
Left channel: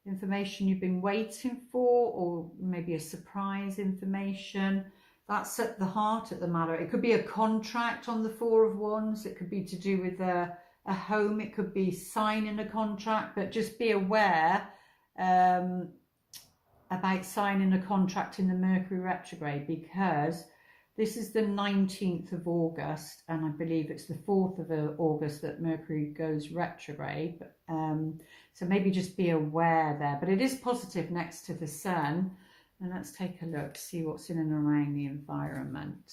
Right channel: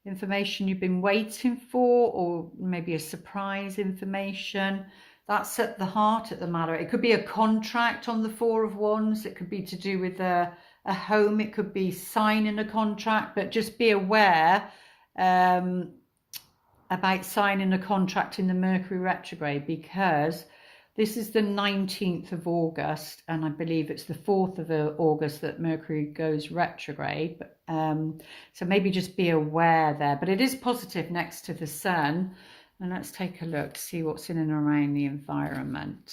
you've been waiting for, or maybe a surprise information. That's at the heart of the matter. It could be a contract on the Four of Wands. It could be to do with a home. It could be signing a contract, but just be aware about signing a contract in the Mercury retrograde, because this is the 19th of August, and I believe it's the 4th of August that Mercury goes retrograde. So maybe just be aware there. But it is positive next to the sun. And let's take a look, see what's in and around the environment.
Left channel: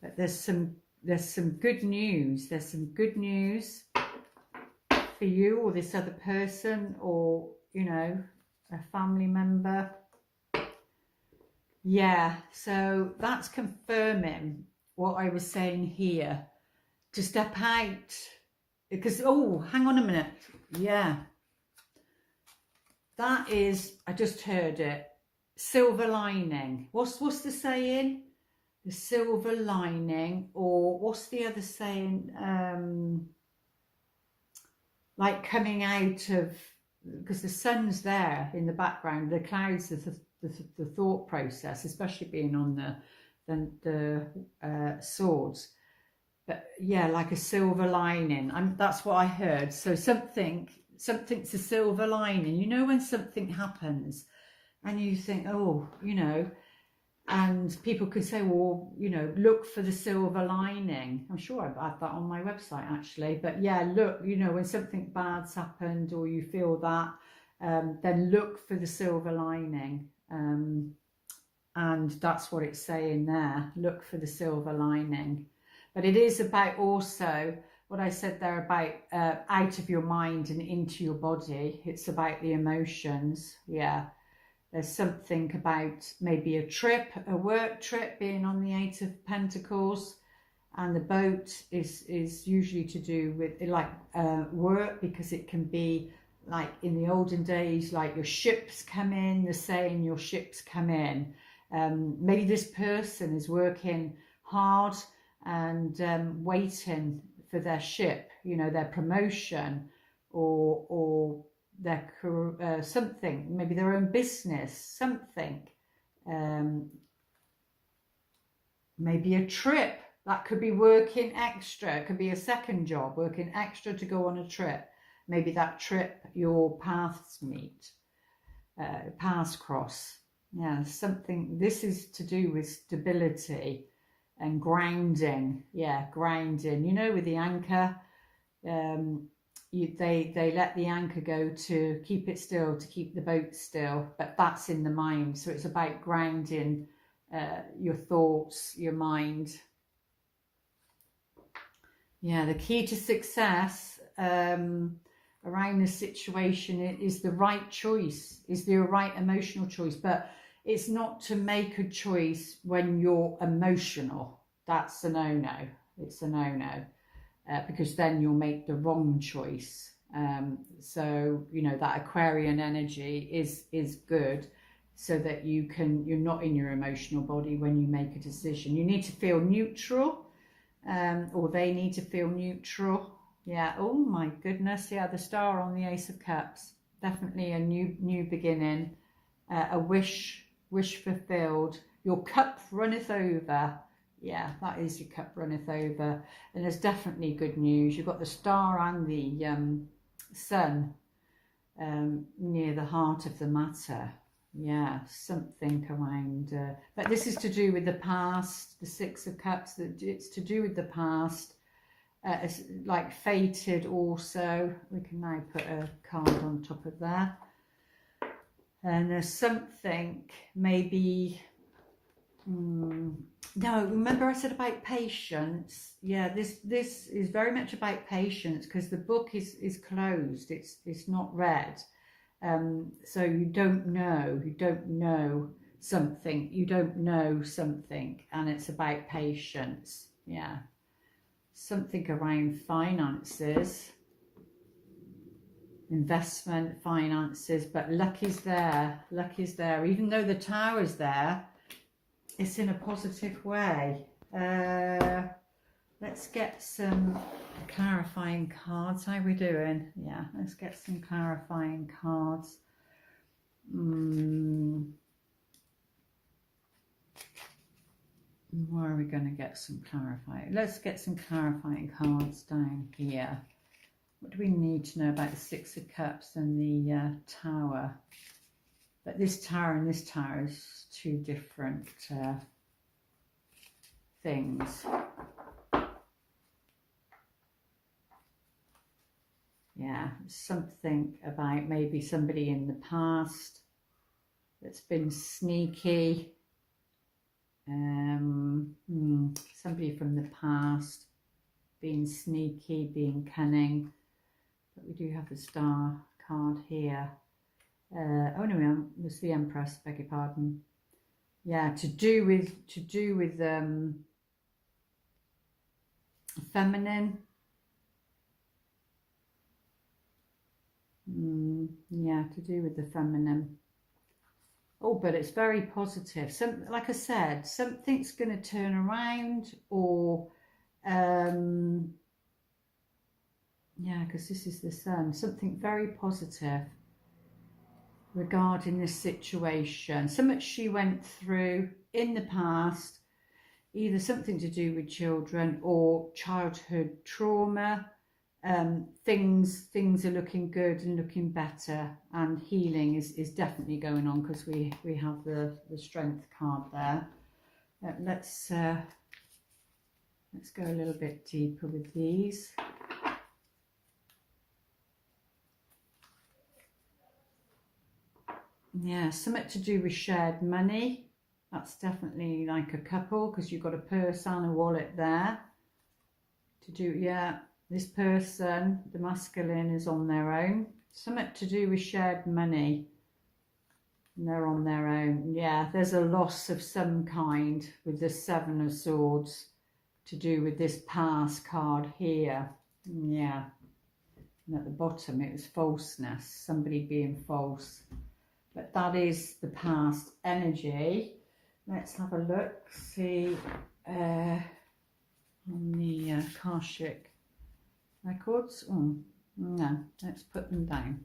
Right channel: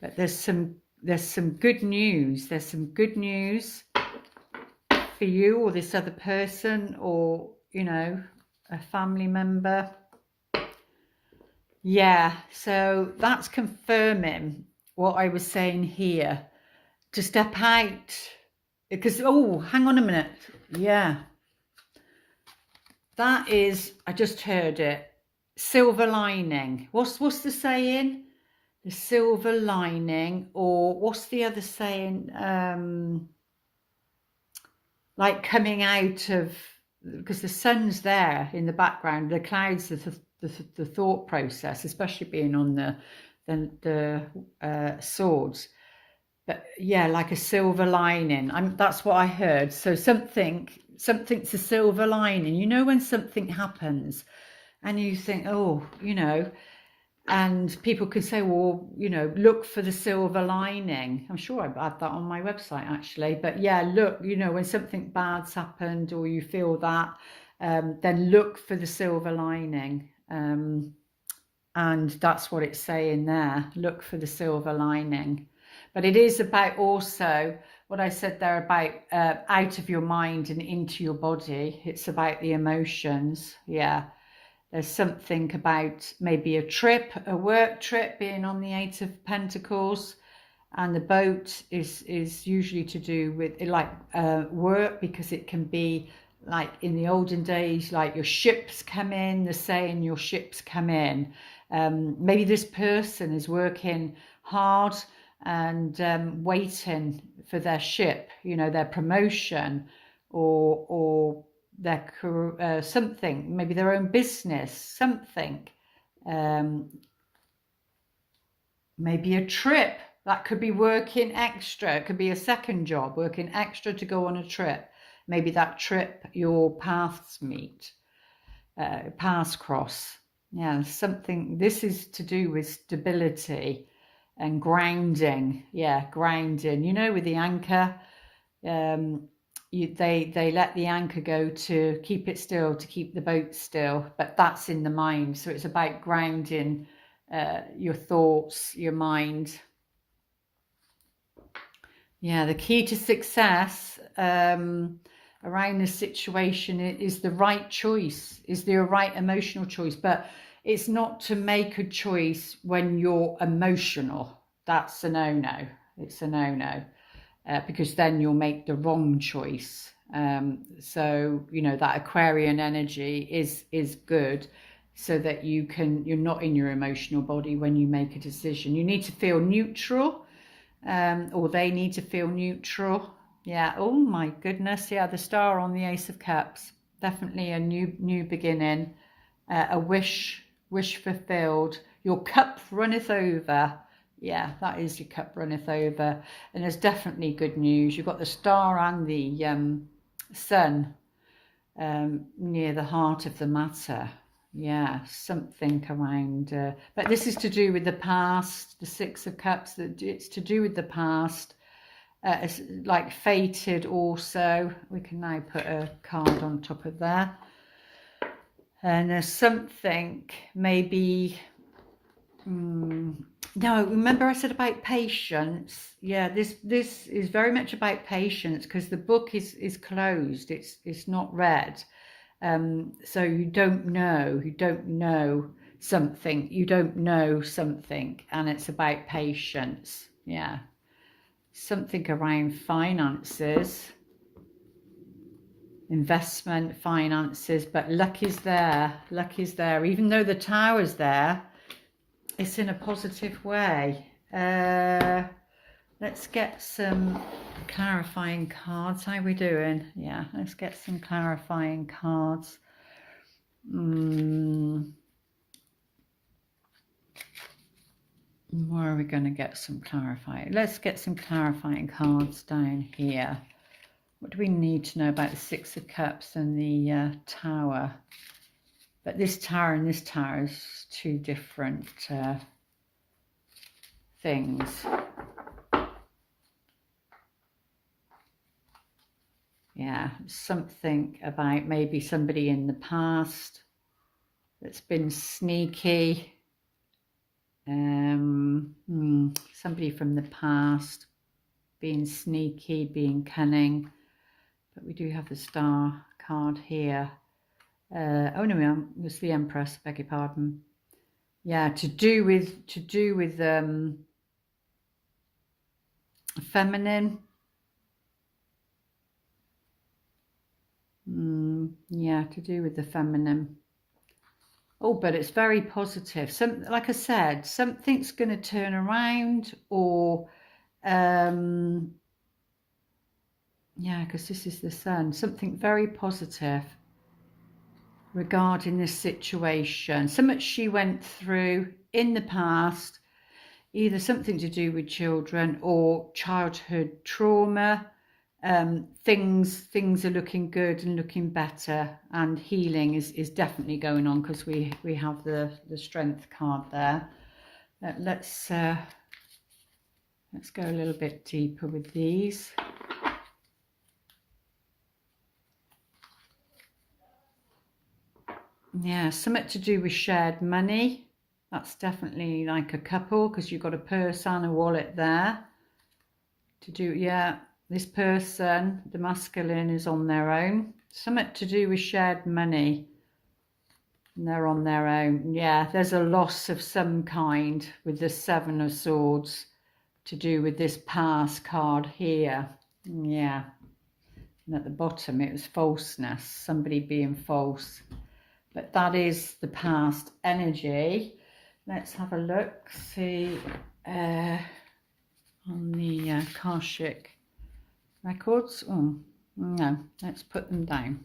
But there's some good news. There's some good news for you or this other person, or, you know, a family member. Yeah, so that's confirming what I was saying here, to step out, because, oh, hang on a minute. Yeah. That is, I just heard it. Silver lining. What's the saying? The silver lining, or what's the other saying? Like coming out of, because the sun's there in the background, the clouds, the thought process, especially being on the swords. But yeah, like a silver lining. That's what I heard. So something's a silver lining. You know, when something happens and you think, oh, you know, and people could say, well, you know, look for the silver lining. I'm sure I've had that on my website actually. But yeah, look, you know, when something bad's happened or you feel that, then look for the silver lining. And that's what it's saying there. Look for the silver lining. But it is about also what I said there about out of your mind and into your body. It's about the emotions. Yeah. There's something about maybe a trip, a work trip, being on the Eight of Pentacles, and the boat is usually to do with like work, because it can be like in the olden days, like your ships come in, they're saying your ships come in. Maybe this person is working hard and waiting for their ship, you know, their promotion or their something, maybe their own business, something, maybe a trip. That could be working extra. It could be a second job, working extra to go on a trip. Maybe that trip your paths meet, paths cross. Yeah, something. This is to do with stability and grounding. Yeah, grounding. You know, with the anchor, they let the anchor go to keep it still, to keep the boat still, but that's in the mind. So it's about grounding your thoughts, your mind. Yeah, the key to success around this situation is the right choice, is the right emotional choice. But it's not to make a choice when you're emotional. That's a no-no. It's a no-no. Because then you'll make the wrong choice. So, you know, that Aquarian energy is good, so that you're not in your emotional body when you make a decision. You need to feel neutral, or they need to feel neutral. Yeah. Oh my goodness. Yeah. The star on the Ace of Cups. Definitely a new beginning. A wish fulfilled. Your cup runneth over. Yeah, that is, your cup runneth over. And there's definitely good news. You've got the star and the sun near the heart of the matter. Yeah, something around. But this is to do with the past, the Six of Cups. It's to do with the past. It's like fated also. We can now put a card on top of there. And there's something maybe... no, remember I said about patience. Yeah, this is very much about patience, because the book is closed. It's not read. So you don't know something, and it's about patience. Yeah, something around finances, investment, finances. But luck is there, even though the Tower's there. It's in a positive way. Let's get some clarifying cards. How are we doing? Yeah, let's get some clarifying cards. Where are we going to get some clarifying? Let's get some clarifying cards down here. What do we need to know about the Six of Cups and the Tower? But this Tower and this Tower is two different things. Yeah, something about maybe somebody in the past that's been sneaky. Somebody from the past being sneaky, being cunning. But we do have the Star card here. Oh no, it was the Empress, beg your pardon. Yeah, to do with feminine. Yeah, to do with the feminine. Oh, but it's very positive. Like I said, something's going to turn around, or yeah, because this is the sun. Something very positive regarding this situation. Something she went through in the past, either something to do with children or childhood trauma. Things are looking good and looking better, and healing is definitely going on, because we have the strength card there. Let's go a little bit deeper with these. Yeah, something to do with shared money. That's definitely like a couple, because you've got a purse and a wallet there. To do, yeah, this person, the masculine, is on their own. Something to do with shared money. And they're on their own. Yeah, there's a loss of some kind with the Seven of Swords to do with this past card here. Yeah. And at the bottom, it was falseness, somebody being false. But that is the past energy. Let's have a look, see on the Akashic records. Oh, no, let's put them down.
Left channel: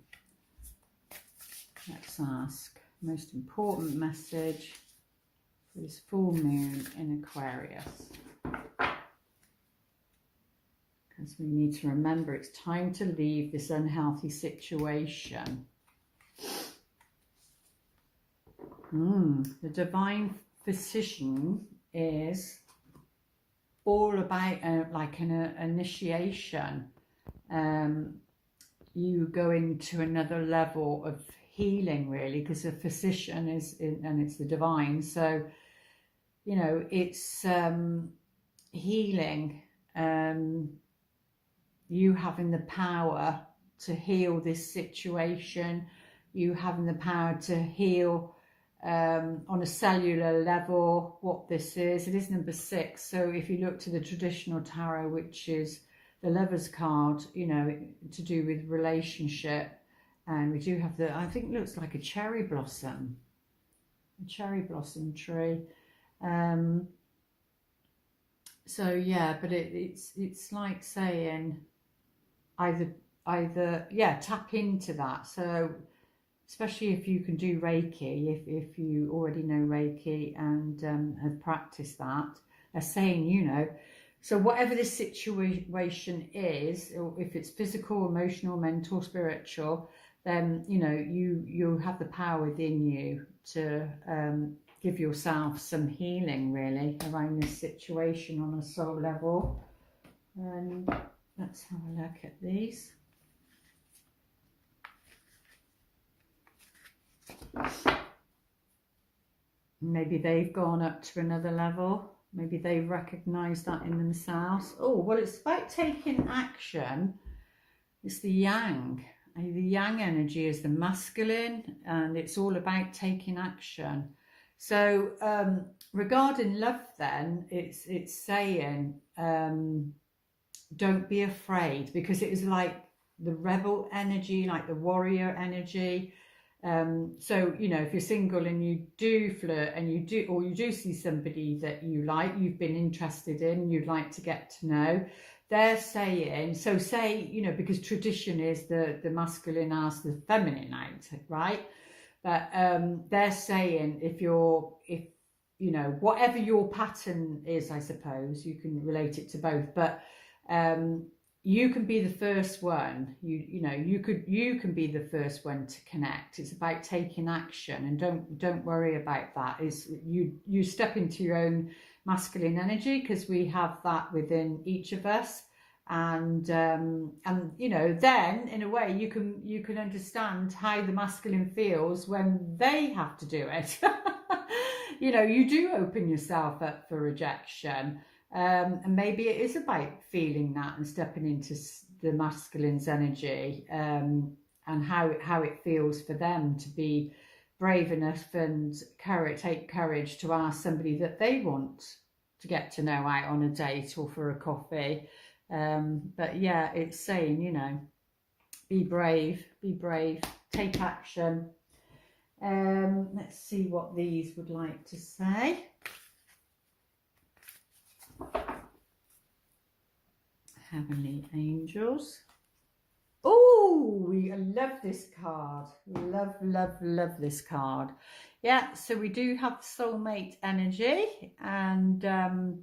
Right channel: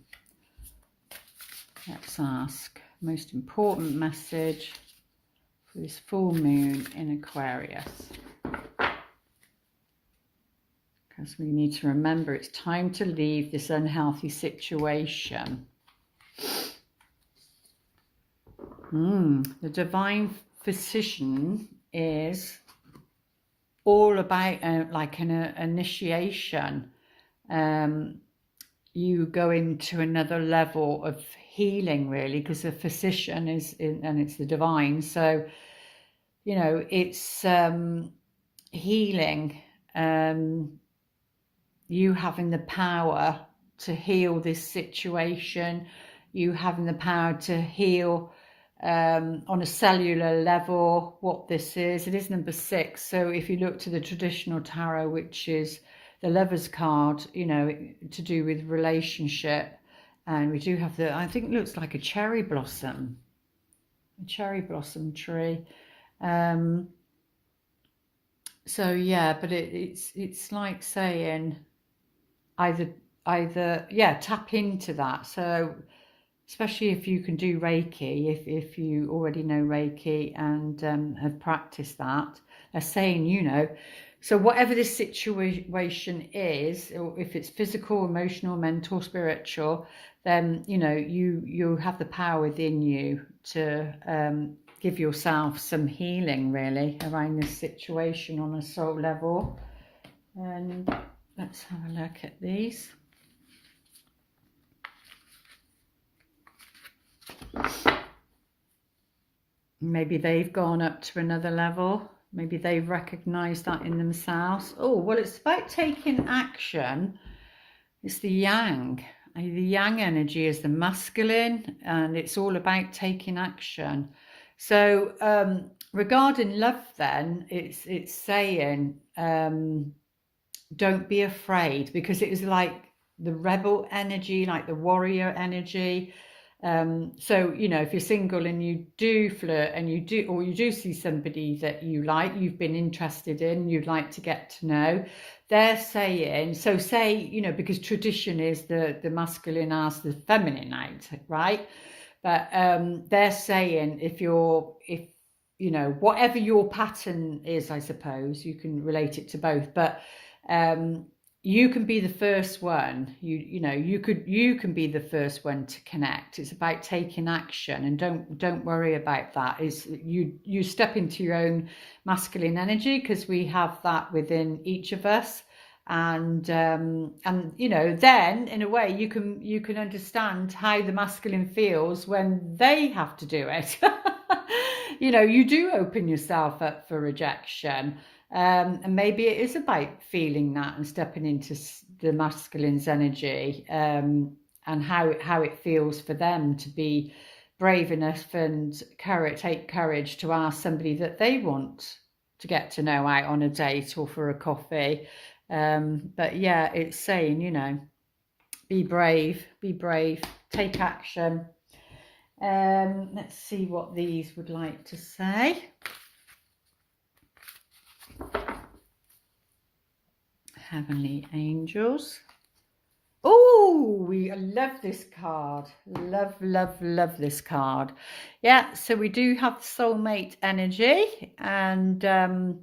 Let's ask most important message for this full moon in Aquarius. Because we need to remember it's time to leave this unhealthy situation. The divine physician is all about like an initiation. You go into another level of healing, really, because the physician and it's the divine. So, you know, it's healing. You having the power to heal this situation. You having the power to heal on a cellular level what this is. It is number 6. So if you look to the traditional tarot, which is the Lover's card, you know, to do with relationship, and we do have the, I think it looks like a cherry blossom tree. So yeah, but it's like saying either yeah, tap into that. So especially if you can do Reiki, if you already know Reiki and have practiced that, they're saying, you know, so whatever this situation is, or if it's physical, emotional, mental, spiritual, then, you know, you have the power within you to give yourself some healing, really, around this situation on a soul level. And let's have a look at these. Maybe they've gone up to another level. Maybe they've recognized that in themselves. Oh, well, it's about taking action. It's the yang. The yang energy is the masculine, and it's all about taking action. So regarding love, then, it's saying don't be afraid, because it was like the rebel energy, like the warrior energy. So, you know, if you're single and you do flirt and you do see somebody that you like, you've been interested in, you'd like to get to know, they're saying, so say, you know, because tradition is the masculine as the feminine out, right? But they're saying if you know, whatever your pattern is, I suppose you can relate it to both, but you can be the first one. You know, you can be the first one to connect. It's about taking action, and don't worry about that. Is you step into your own masculine energy, because we have that within each of us, and you know, then in a way you can understand how the masculine feels when they have to do it. You know, you do open yourself up for rejection. And maybe it is about feeling that and stepping into the masculine's energy, and how it feels for them to be brave enough and take courage to ask somebody that they want to get to know out on a date or for a coffee. But yeah, it's saying, you know, be brave, take action. Let's see what these would like to say. Heavenly angels. Oh, I love this card. Love this card. Yeah, so we do have soulmate energy, and that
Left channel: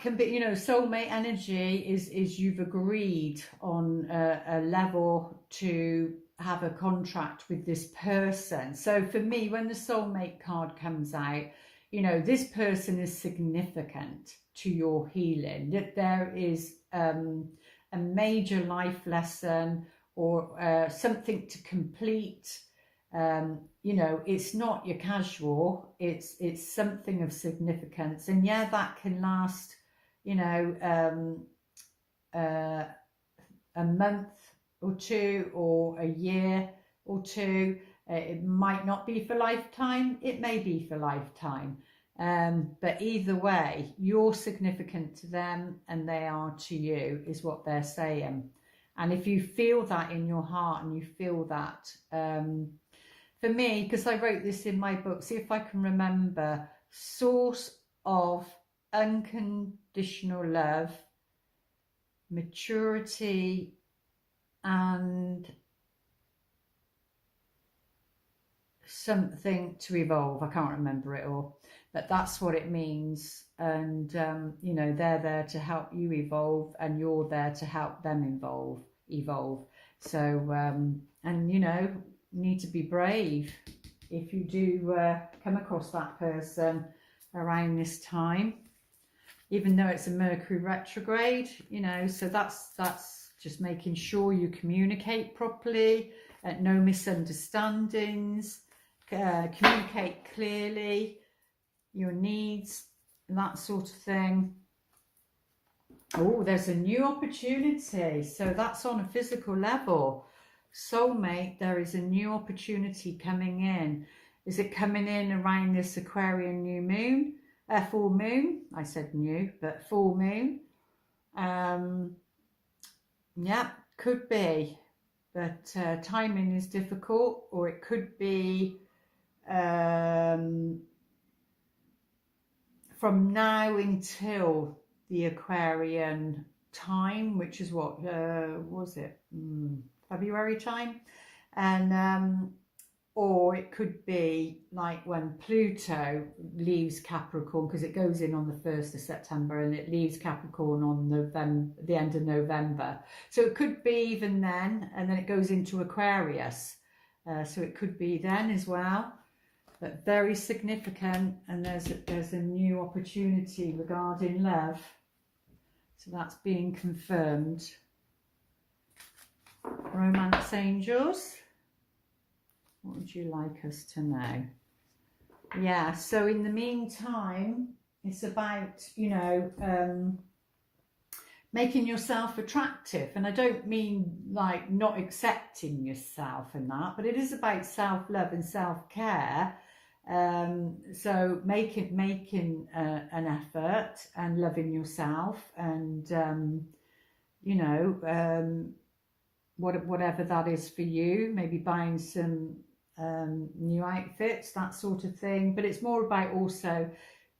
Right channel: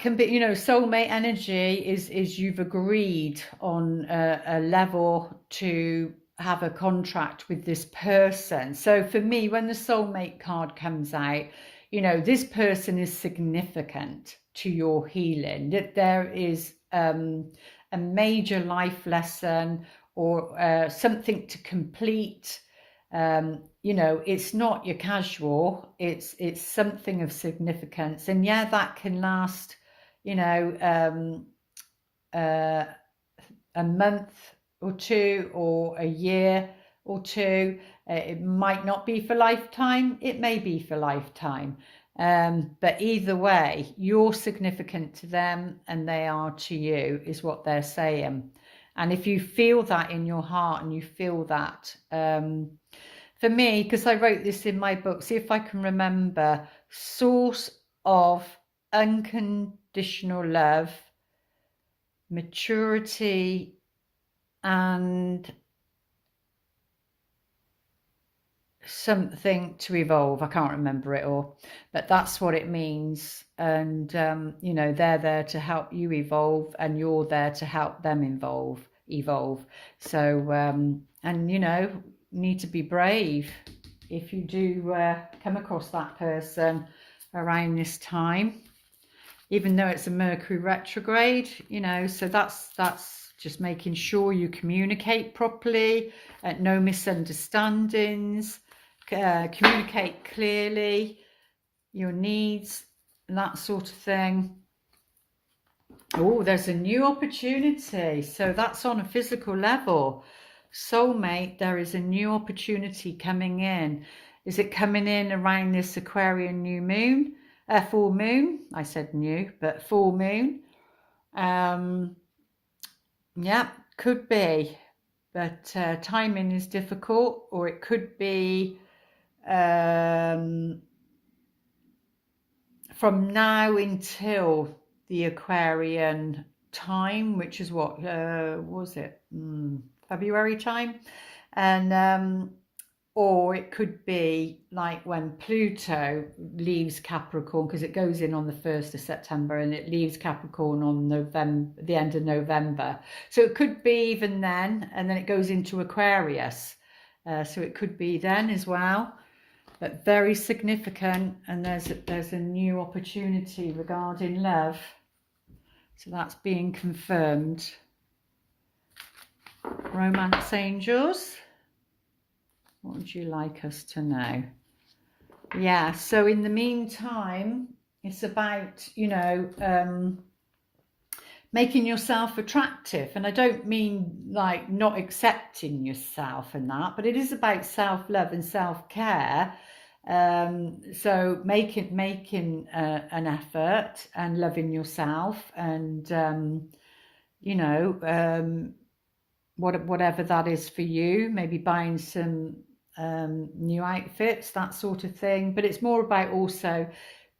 can be, you know, soulmate energy is you've agreed on a level to have a contract with this person. So for me, when the soulmate card comes out, you know, this person is significant to your healing, that there is a major life lesson or something to complete. You know, it's not your casual, it's something of significance. And yeah, that can last, you know, a month or two, or a year or two. It might not be for lifetime, it may be for lifetime. But either way, you're significant to them and they are to you, is what they're saying. And if you feel that in your heart, and you feel that, for me, because I wrote this in my book, see if I can remember, source of unconditional love, maturity, and something to evolve. I can't remember it all, but that's what it means. And you know, they're there to help you evolve, and you're there to help them evolve. So and you know, need to be brave if you do come across that person around this time, even though it's a Mercury retrograde, you know. So that's just making sure you communicate properly, no misunderstandings, communicate clearly your needs and that sort of thing. Oh, there's a new opportunity. So that's on a physical level. Soulmate, there is a new opportunity coming in. Is it coming in around this Aquarian new moon? Full moon. I said new, but full moon. Yeah, could be. But timing is difficult, or it could be from now until the Aquarian time, which is what was it, February time, and or it could be like when Pluto leaves Capricorn, because it goes in on the 1st of September and it leaves Capricorn on the end of November. So it could be even then, and then it goes into Aquarius. So it could be then as well, but very significant. And there's a new opportunity regarding love. So that's being confirmed. Romance angels, what would you like us to know? Yeah, so in the meantime, it's about, you know, making yourself attractive. And I don't mean like not accepting yourself and that, but it is about self-love and self-care. So making an effort and loving yourself, and you know, whatever that is for you, maybe buying some new outfits, that sort of thing. But it's more about also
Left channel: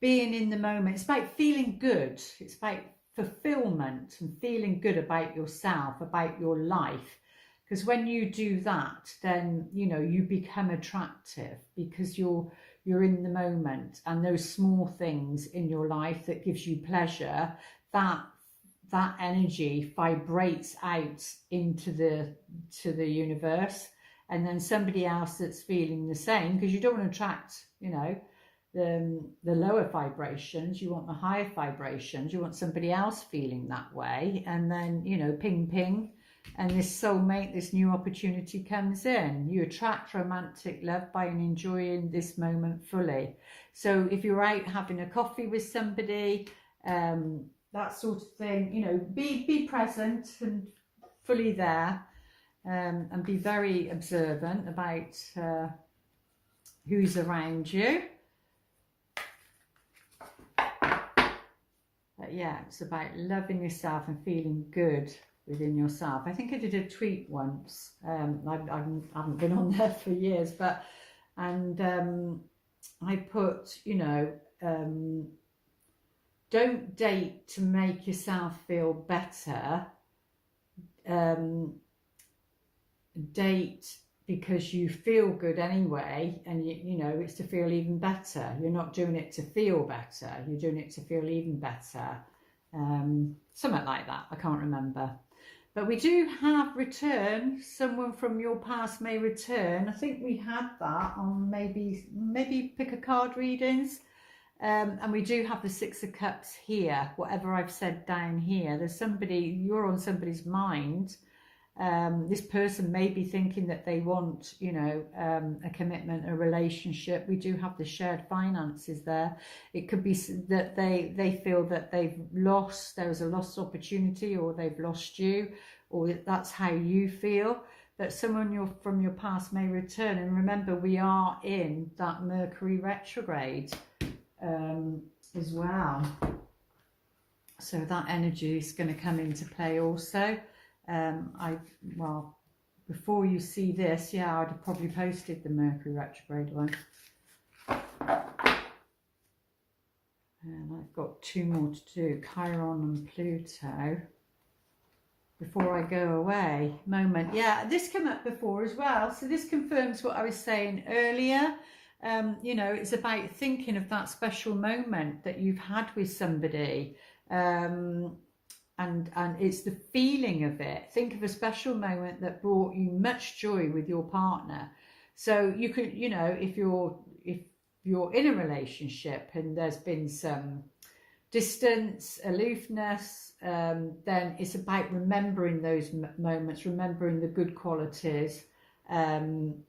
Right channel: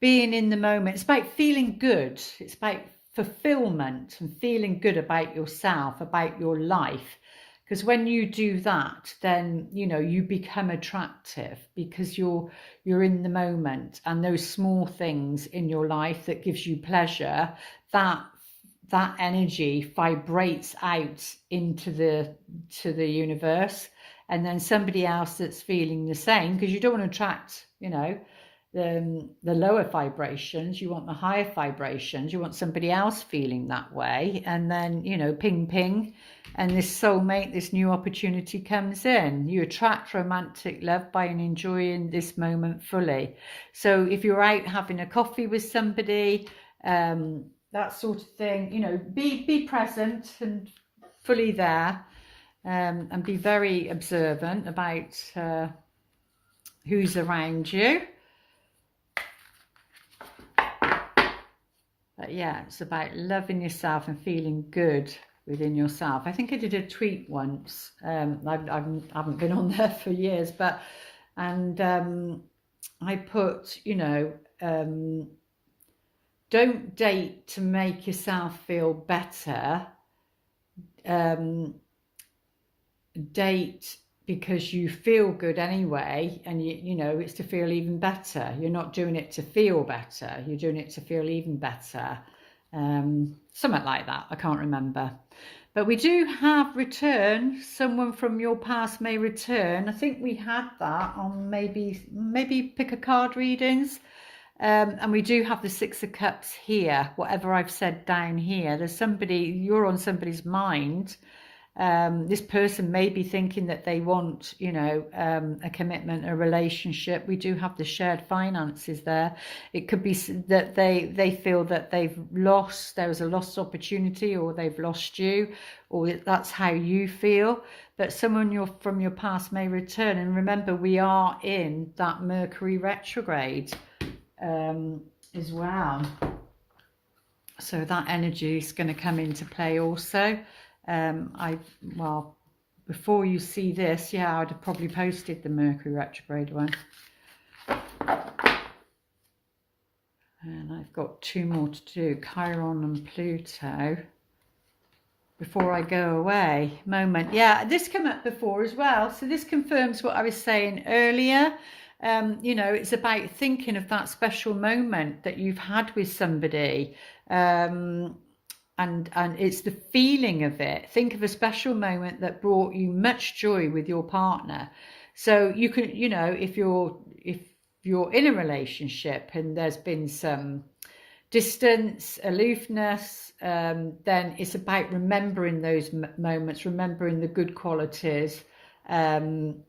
being in the moment. It's about feeling good. It's about fulfillment and feeling good about yourself, about your life. Because when you do that, then, you know, you become attractive, because you're in the moment, and those small things in your life that gives you pleasure, that energy vibrates out into the universe, and then somebody else that's feeling the same, because you don't want to attract, you know, the lower vibrations, you want the higher vibrations, you want somebody else feeling that way, and then, you know, ping ping, and this soulmate, this new opportunity comes in. You attract romantic love by enjoying this moment fully. So if you're out having a coffee with somebody, that sort of thing, you know, be present and fully there, and be very observant about who's around you. But yeah, it's about loving yourself and feeling good within yourself. I think I did a tweet once. I haven't been on there for years, but I put, you know, don't date to make yourself feel better. Date because you feel good anyway, and you know it's to feel even better. You're not doing it to feel better, you're doing it to feel even better. Something like that, I can't remember. But we do have return. Someone from your past may return. I think we had that on maybe pick a card readings. And we do have the Six of Cups here. Whatever I've said down here, there's somebody, you're on somebody's mind. This person may be thinking that they want, you know, a commitment, a relationship. We do have the shared finances there. It could be that they feel that they've lost, there was a lost opportunity, or they've lost you, or that's how you feel. But someone from your past may return. And remember, we are in that Mercury retrograde as well. So that energy is going to come into play also. Well, before you see this, yeah, I'd have probably posted the Mercury retrograde one. And I've got 2 more to do, Chiron and Pluto, before I go away. Moment. Yeah, this came up before as well. So this confirms what I was saying earlier. You know, it's about thinking of that special moment that you've had with somebody. And it's the feeling of it. Think of a special moment that brought you much joy with your partner. So you can, you know, if you're in a relationship and there's been some distance, aloofness, then it's about remembering those moments, remembering the good qualities, and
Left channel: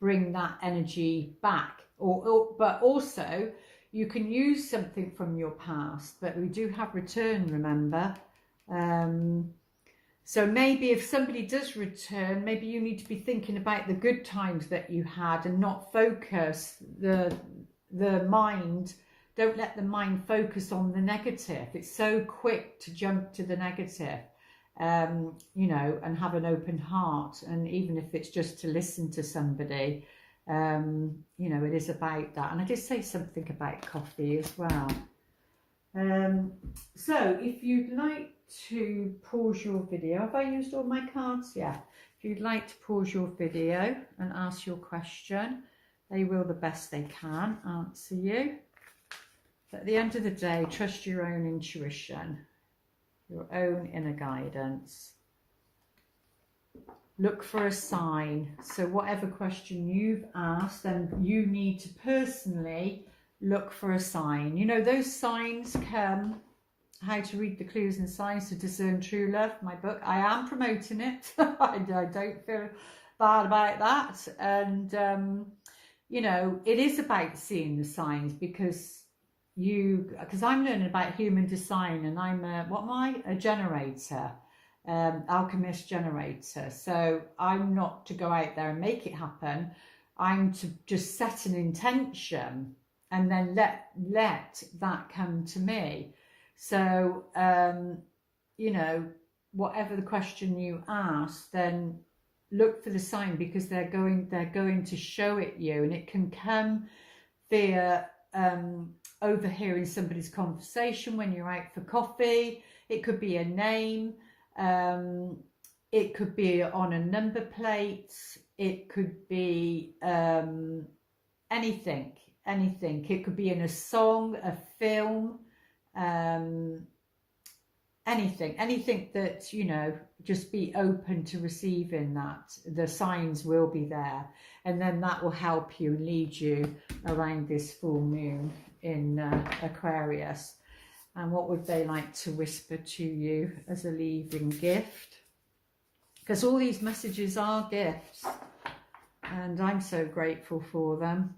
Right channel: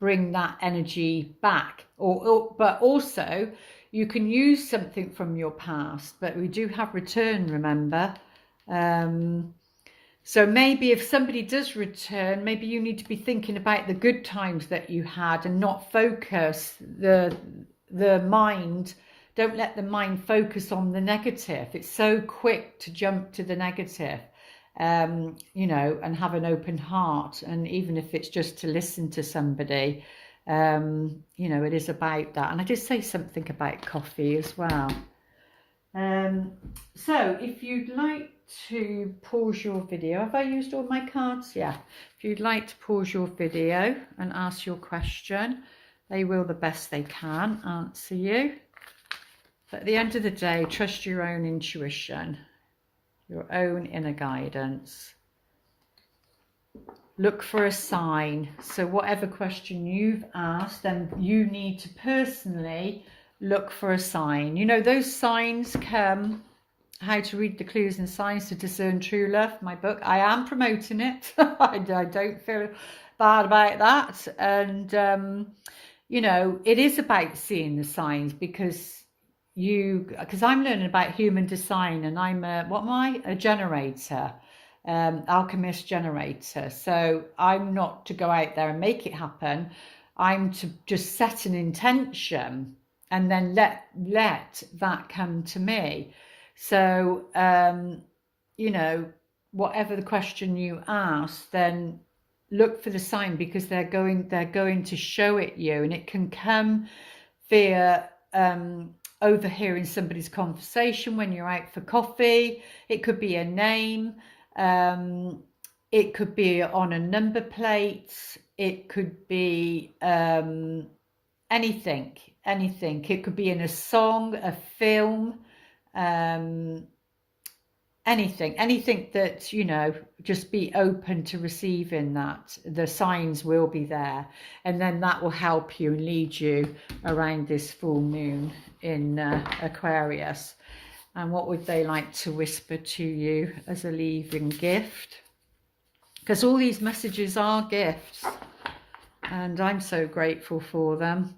bring that energy back. But also, you can use something from your past, but we do have return, remember. So maybe if somebody does return, maybe you need to be thinking about the good times that you had and not focus the mind. Don't let the mind focus on the negative. It's so quick to jump to the negative, you know, and have an open heart. And even if it's just to listen to somebody, you know, it is about that. And I did say something about coffee as well. So if you'd like to pause your video, have I used all my cards? Yeah. If you'd like to pause your video and ask your question, they will the best they can answer you. But at the end of the day, trust your own intuition, your own inner guidance. Look for a sign. So whatever question you've asked, then you need to personally look for a sign. You know, those signs come, How to Read the Clues and Signs to Discern True Love, my book. I am promoting it. I don't feel bad about that. And, you know, it is about seeing the signs, because I'm learning about human design, and I'm a generator. Alchemist generator. So I'm not to go out there and make it happen. I'm to just set an intention and then let that come to me. So you know, whatever the question you ask, then look for the sign, because they're going to show it you. And it can come via overhearing somebody's conversation when you're out for coffee. It could be a name. It could be on a number plate. It could be anything. It could be in a song, a film, anything that, you know, just be open to receiving that. The signs will be there, and then that will help you and lead you around this full moon in Aquarius. And what would they like to whisper to you as a leaving gift? Because all these messages are gifts, and I'm so grateful for them.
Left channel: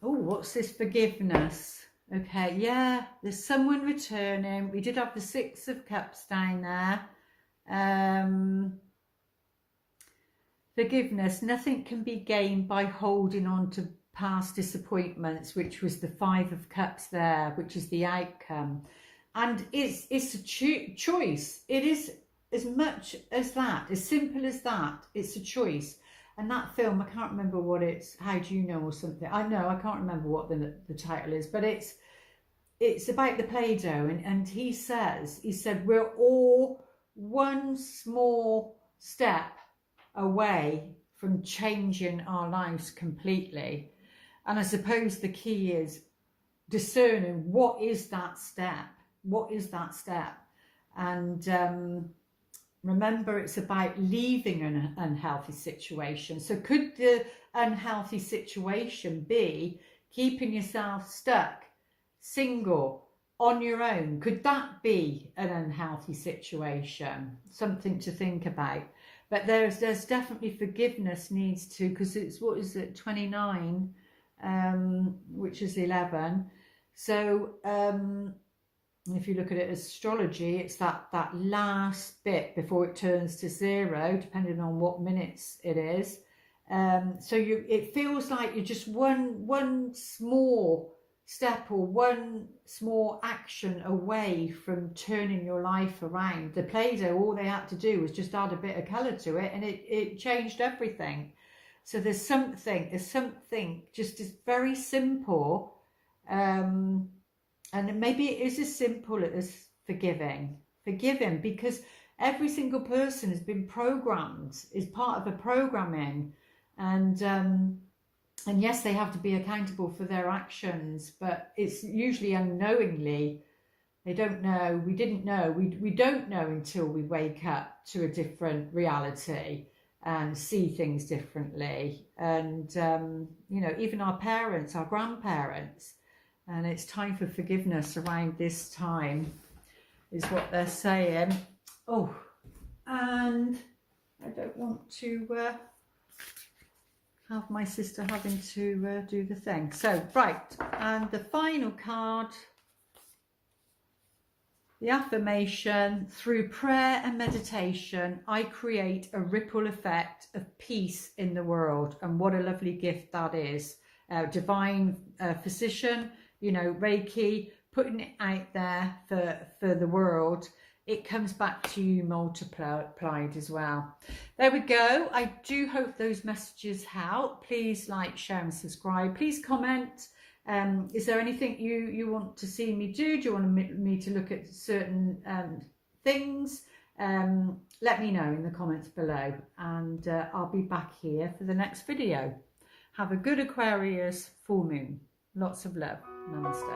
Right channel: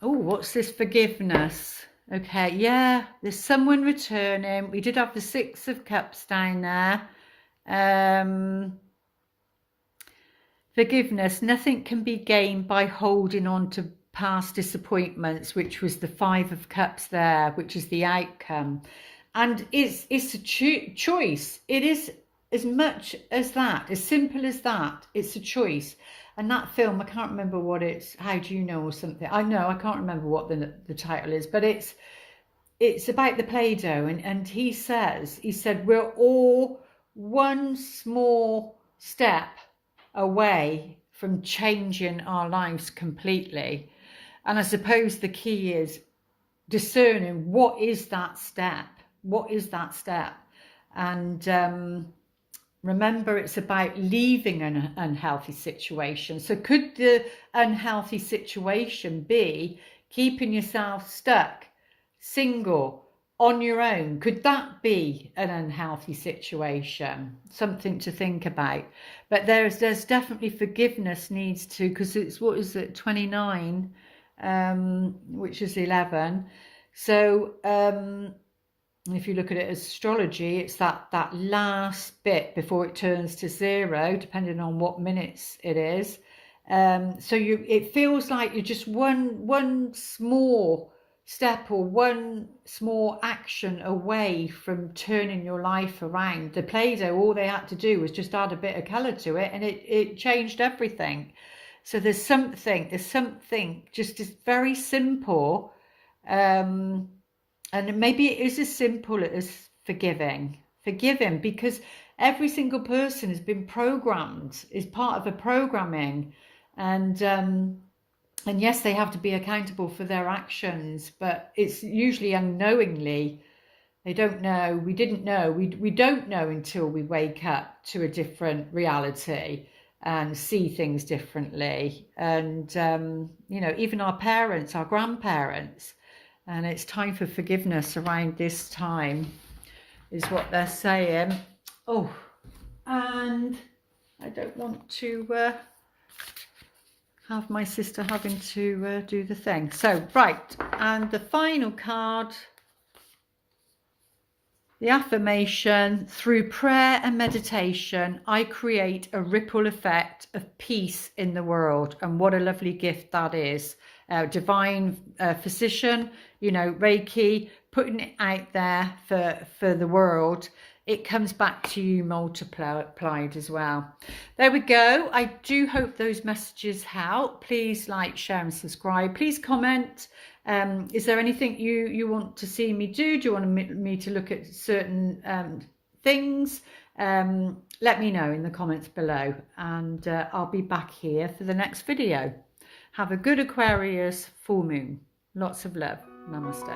Oh, what's this? Forgiveness. Okay, yeah, there's someone returning. We did have the Six of Cups down there. Forgiveness. Nothing can be gained by holding on to past disappointments, which was the Five of Cups there, which is the outcome. And it's a choice. It is as much as that, as simple as that. It's a choice. And that film, I can't remember what it's, How Do You Know, or something. I can't remember what the title is, but it's about the Play-Doh. And he said, we're all one small step away from changing our lives completely. And I suppose the key is discerning what is that step. What is that step? And remember, it's about leaving an unhealthy situation. So could the unhealthy situation be keeping yourself stuck, single, on your own? Could that be an unhealthy situation? Something to think about. But there's definitely forgiveness needs to, because it's, what is it, 29, which is 11. So if you look at it as astrology, it's that last bit before it turns to 0, depending on what minutes it is. So it feels like you're just one small step or one small action away from turning your life around. The Play-Doh, all they had to do was just add a bit of colour to it, and it changed everything. So there's something just as very simple. And maybe it is as simple as forgiving, because every single person has been programmed, is part of a programming, and yes, they have to be accountable for their actions, but it's usually unknowingly. They don't know. We didn't know. We don't know until we wake up to a different reality and see things differently. And you know, even our parents, our grandparents. And it's time for forgiveness around this time, is what they're saying. Oh, and I don't want to have my sister having to do the thing. So, right, and the final card, the affirmation: through prayer and meditation, I create a ripple effect of peace in the world. And what a lovely gift that is. Divine physician, you know, Reiki, putting it out there for the world, it comes back to you multiplied as well. There we go. I do hope those messages help. Please like, share and subscribe. Please comment. Is there anything you want to see me do? Do you want me to look at certain things? Let me know in the comments below, and I'll be back here for the next video. Have a good Aquarius full moon. Lots of love. Namaste.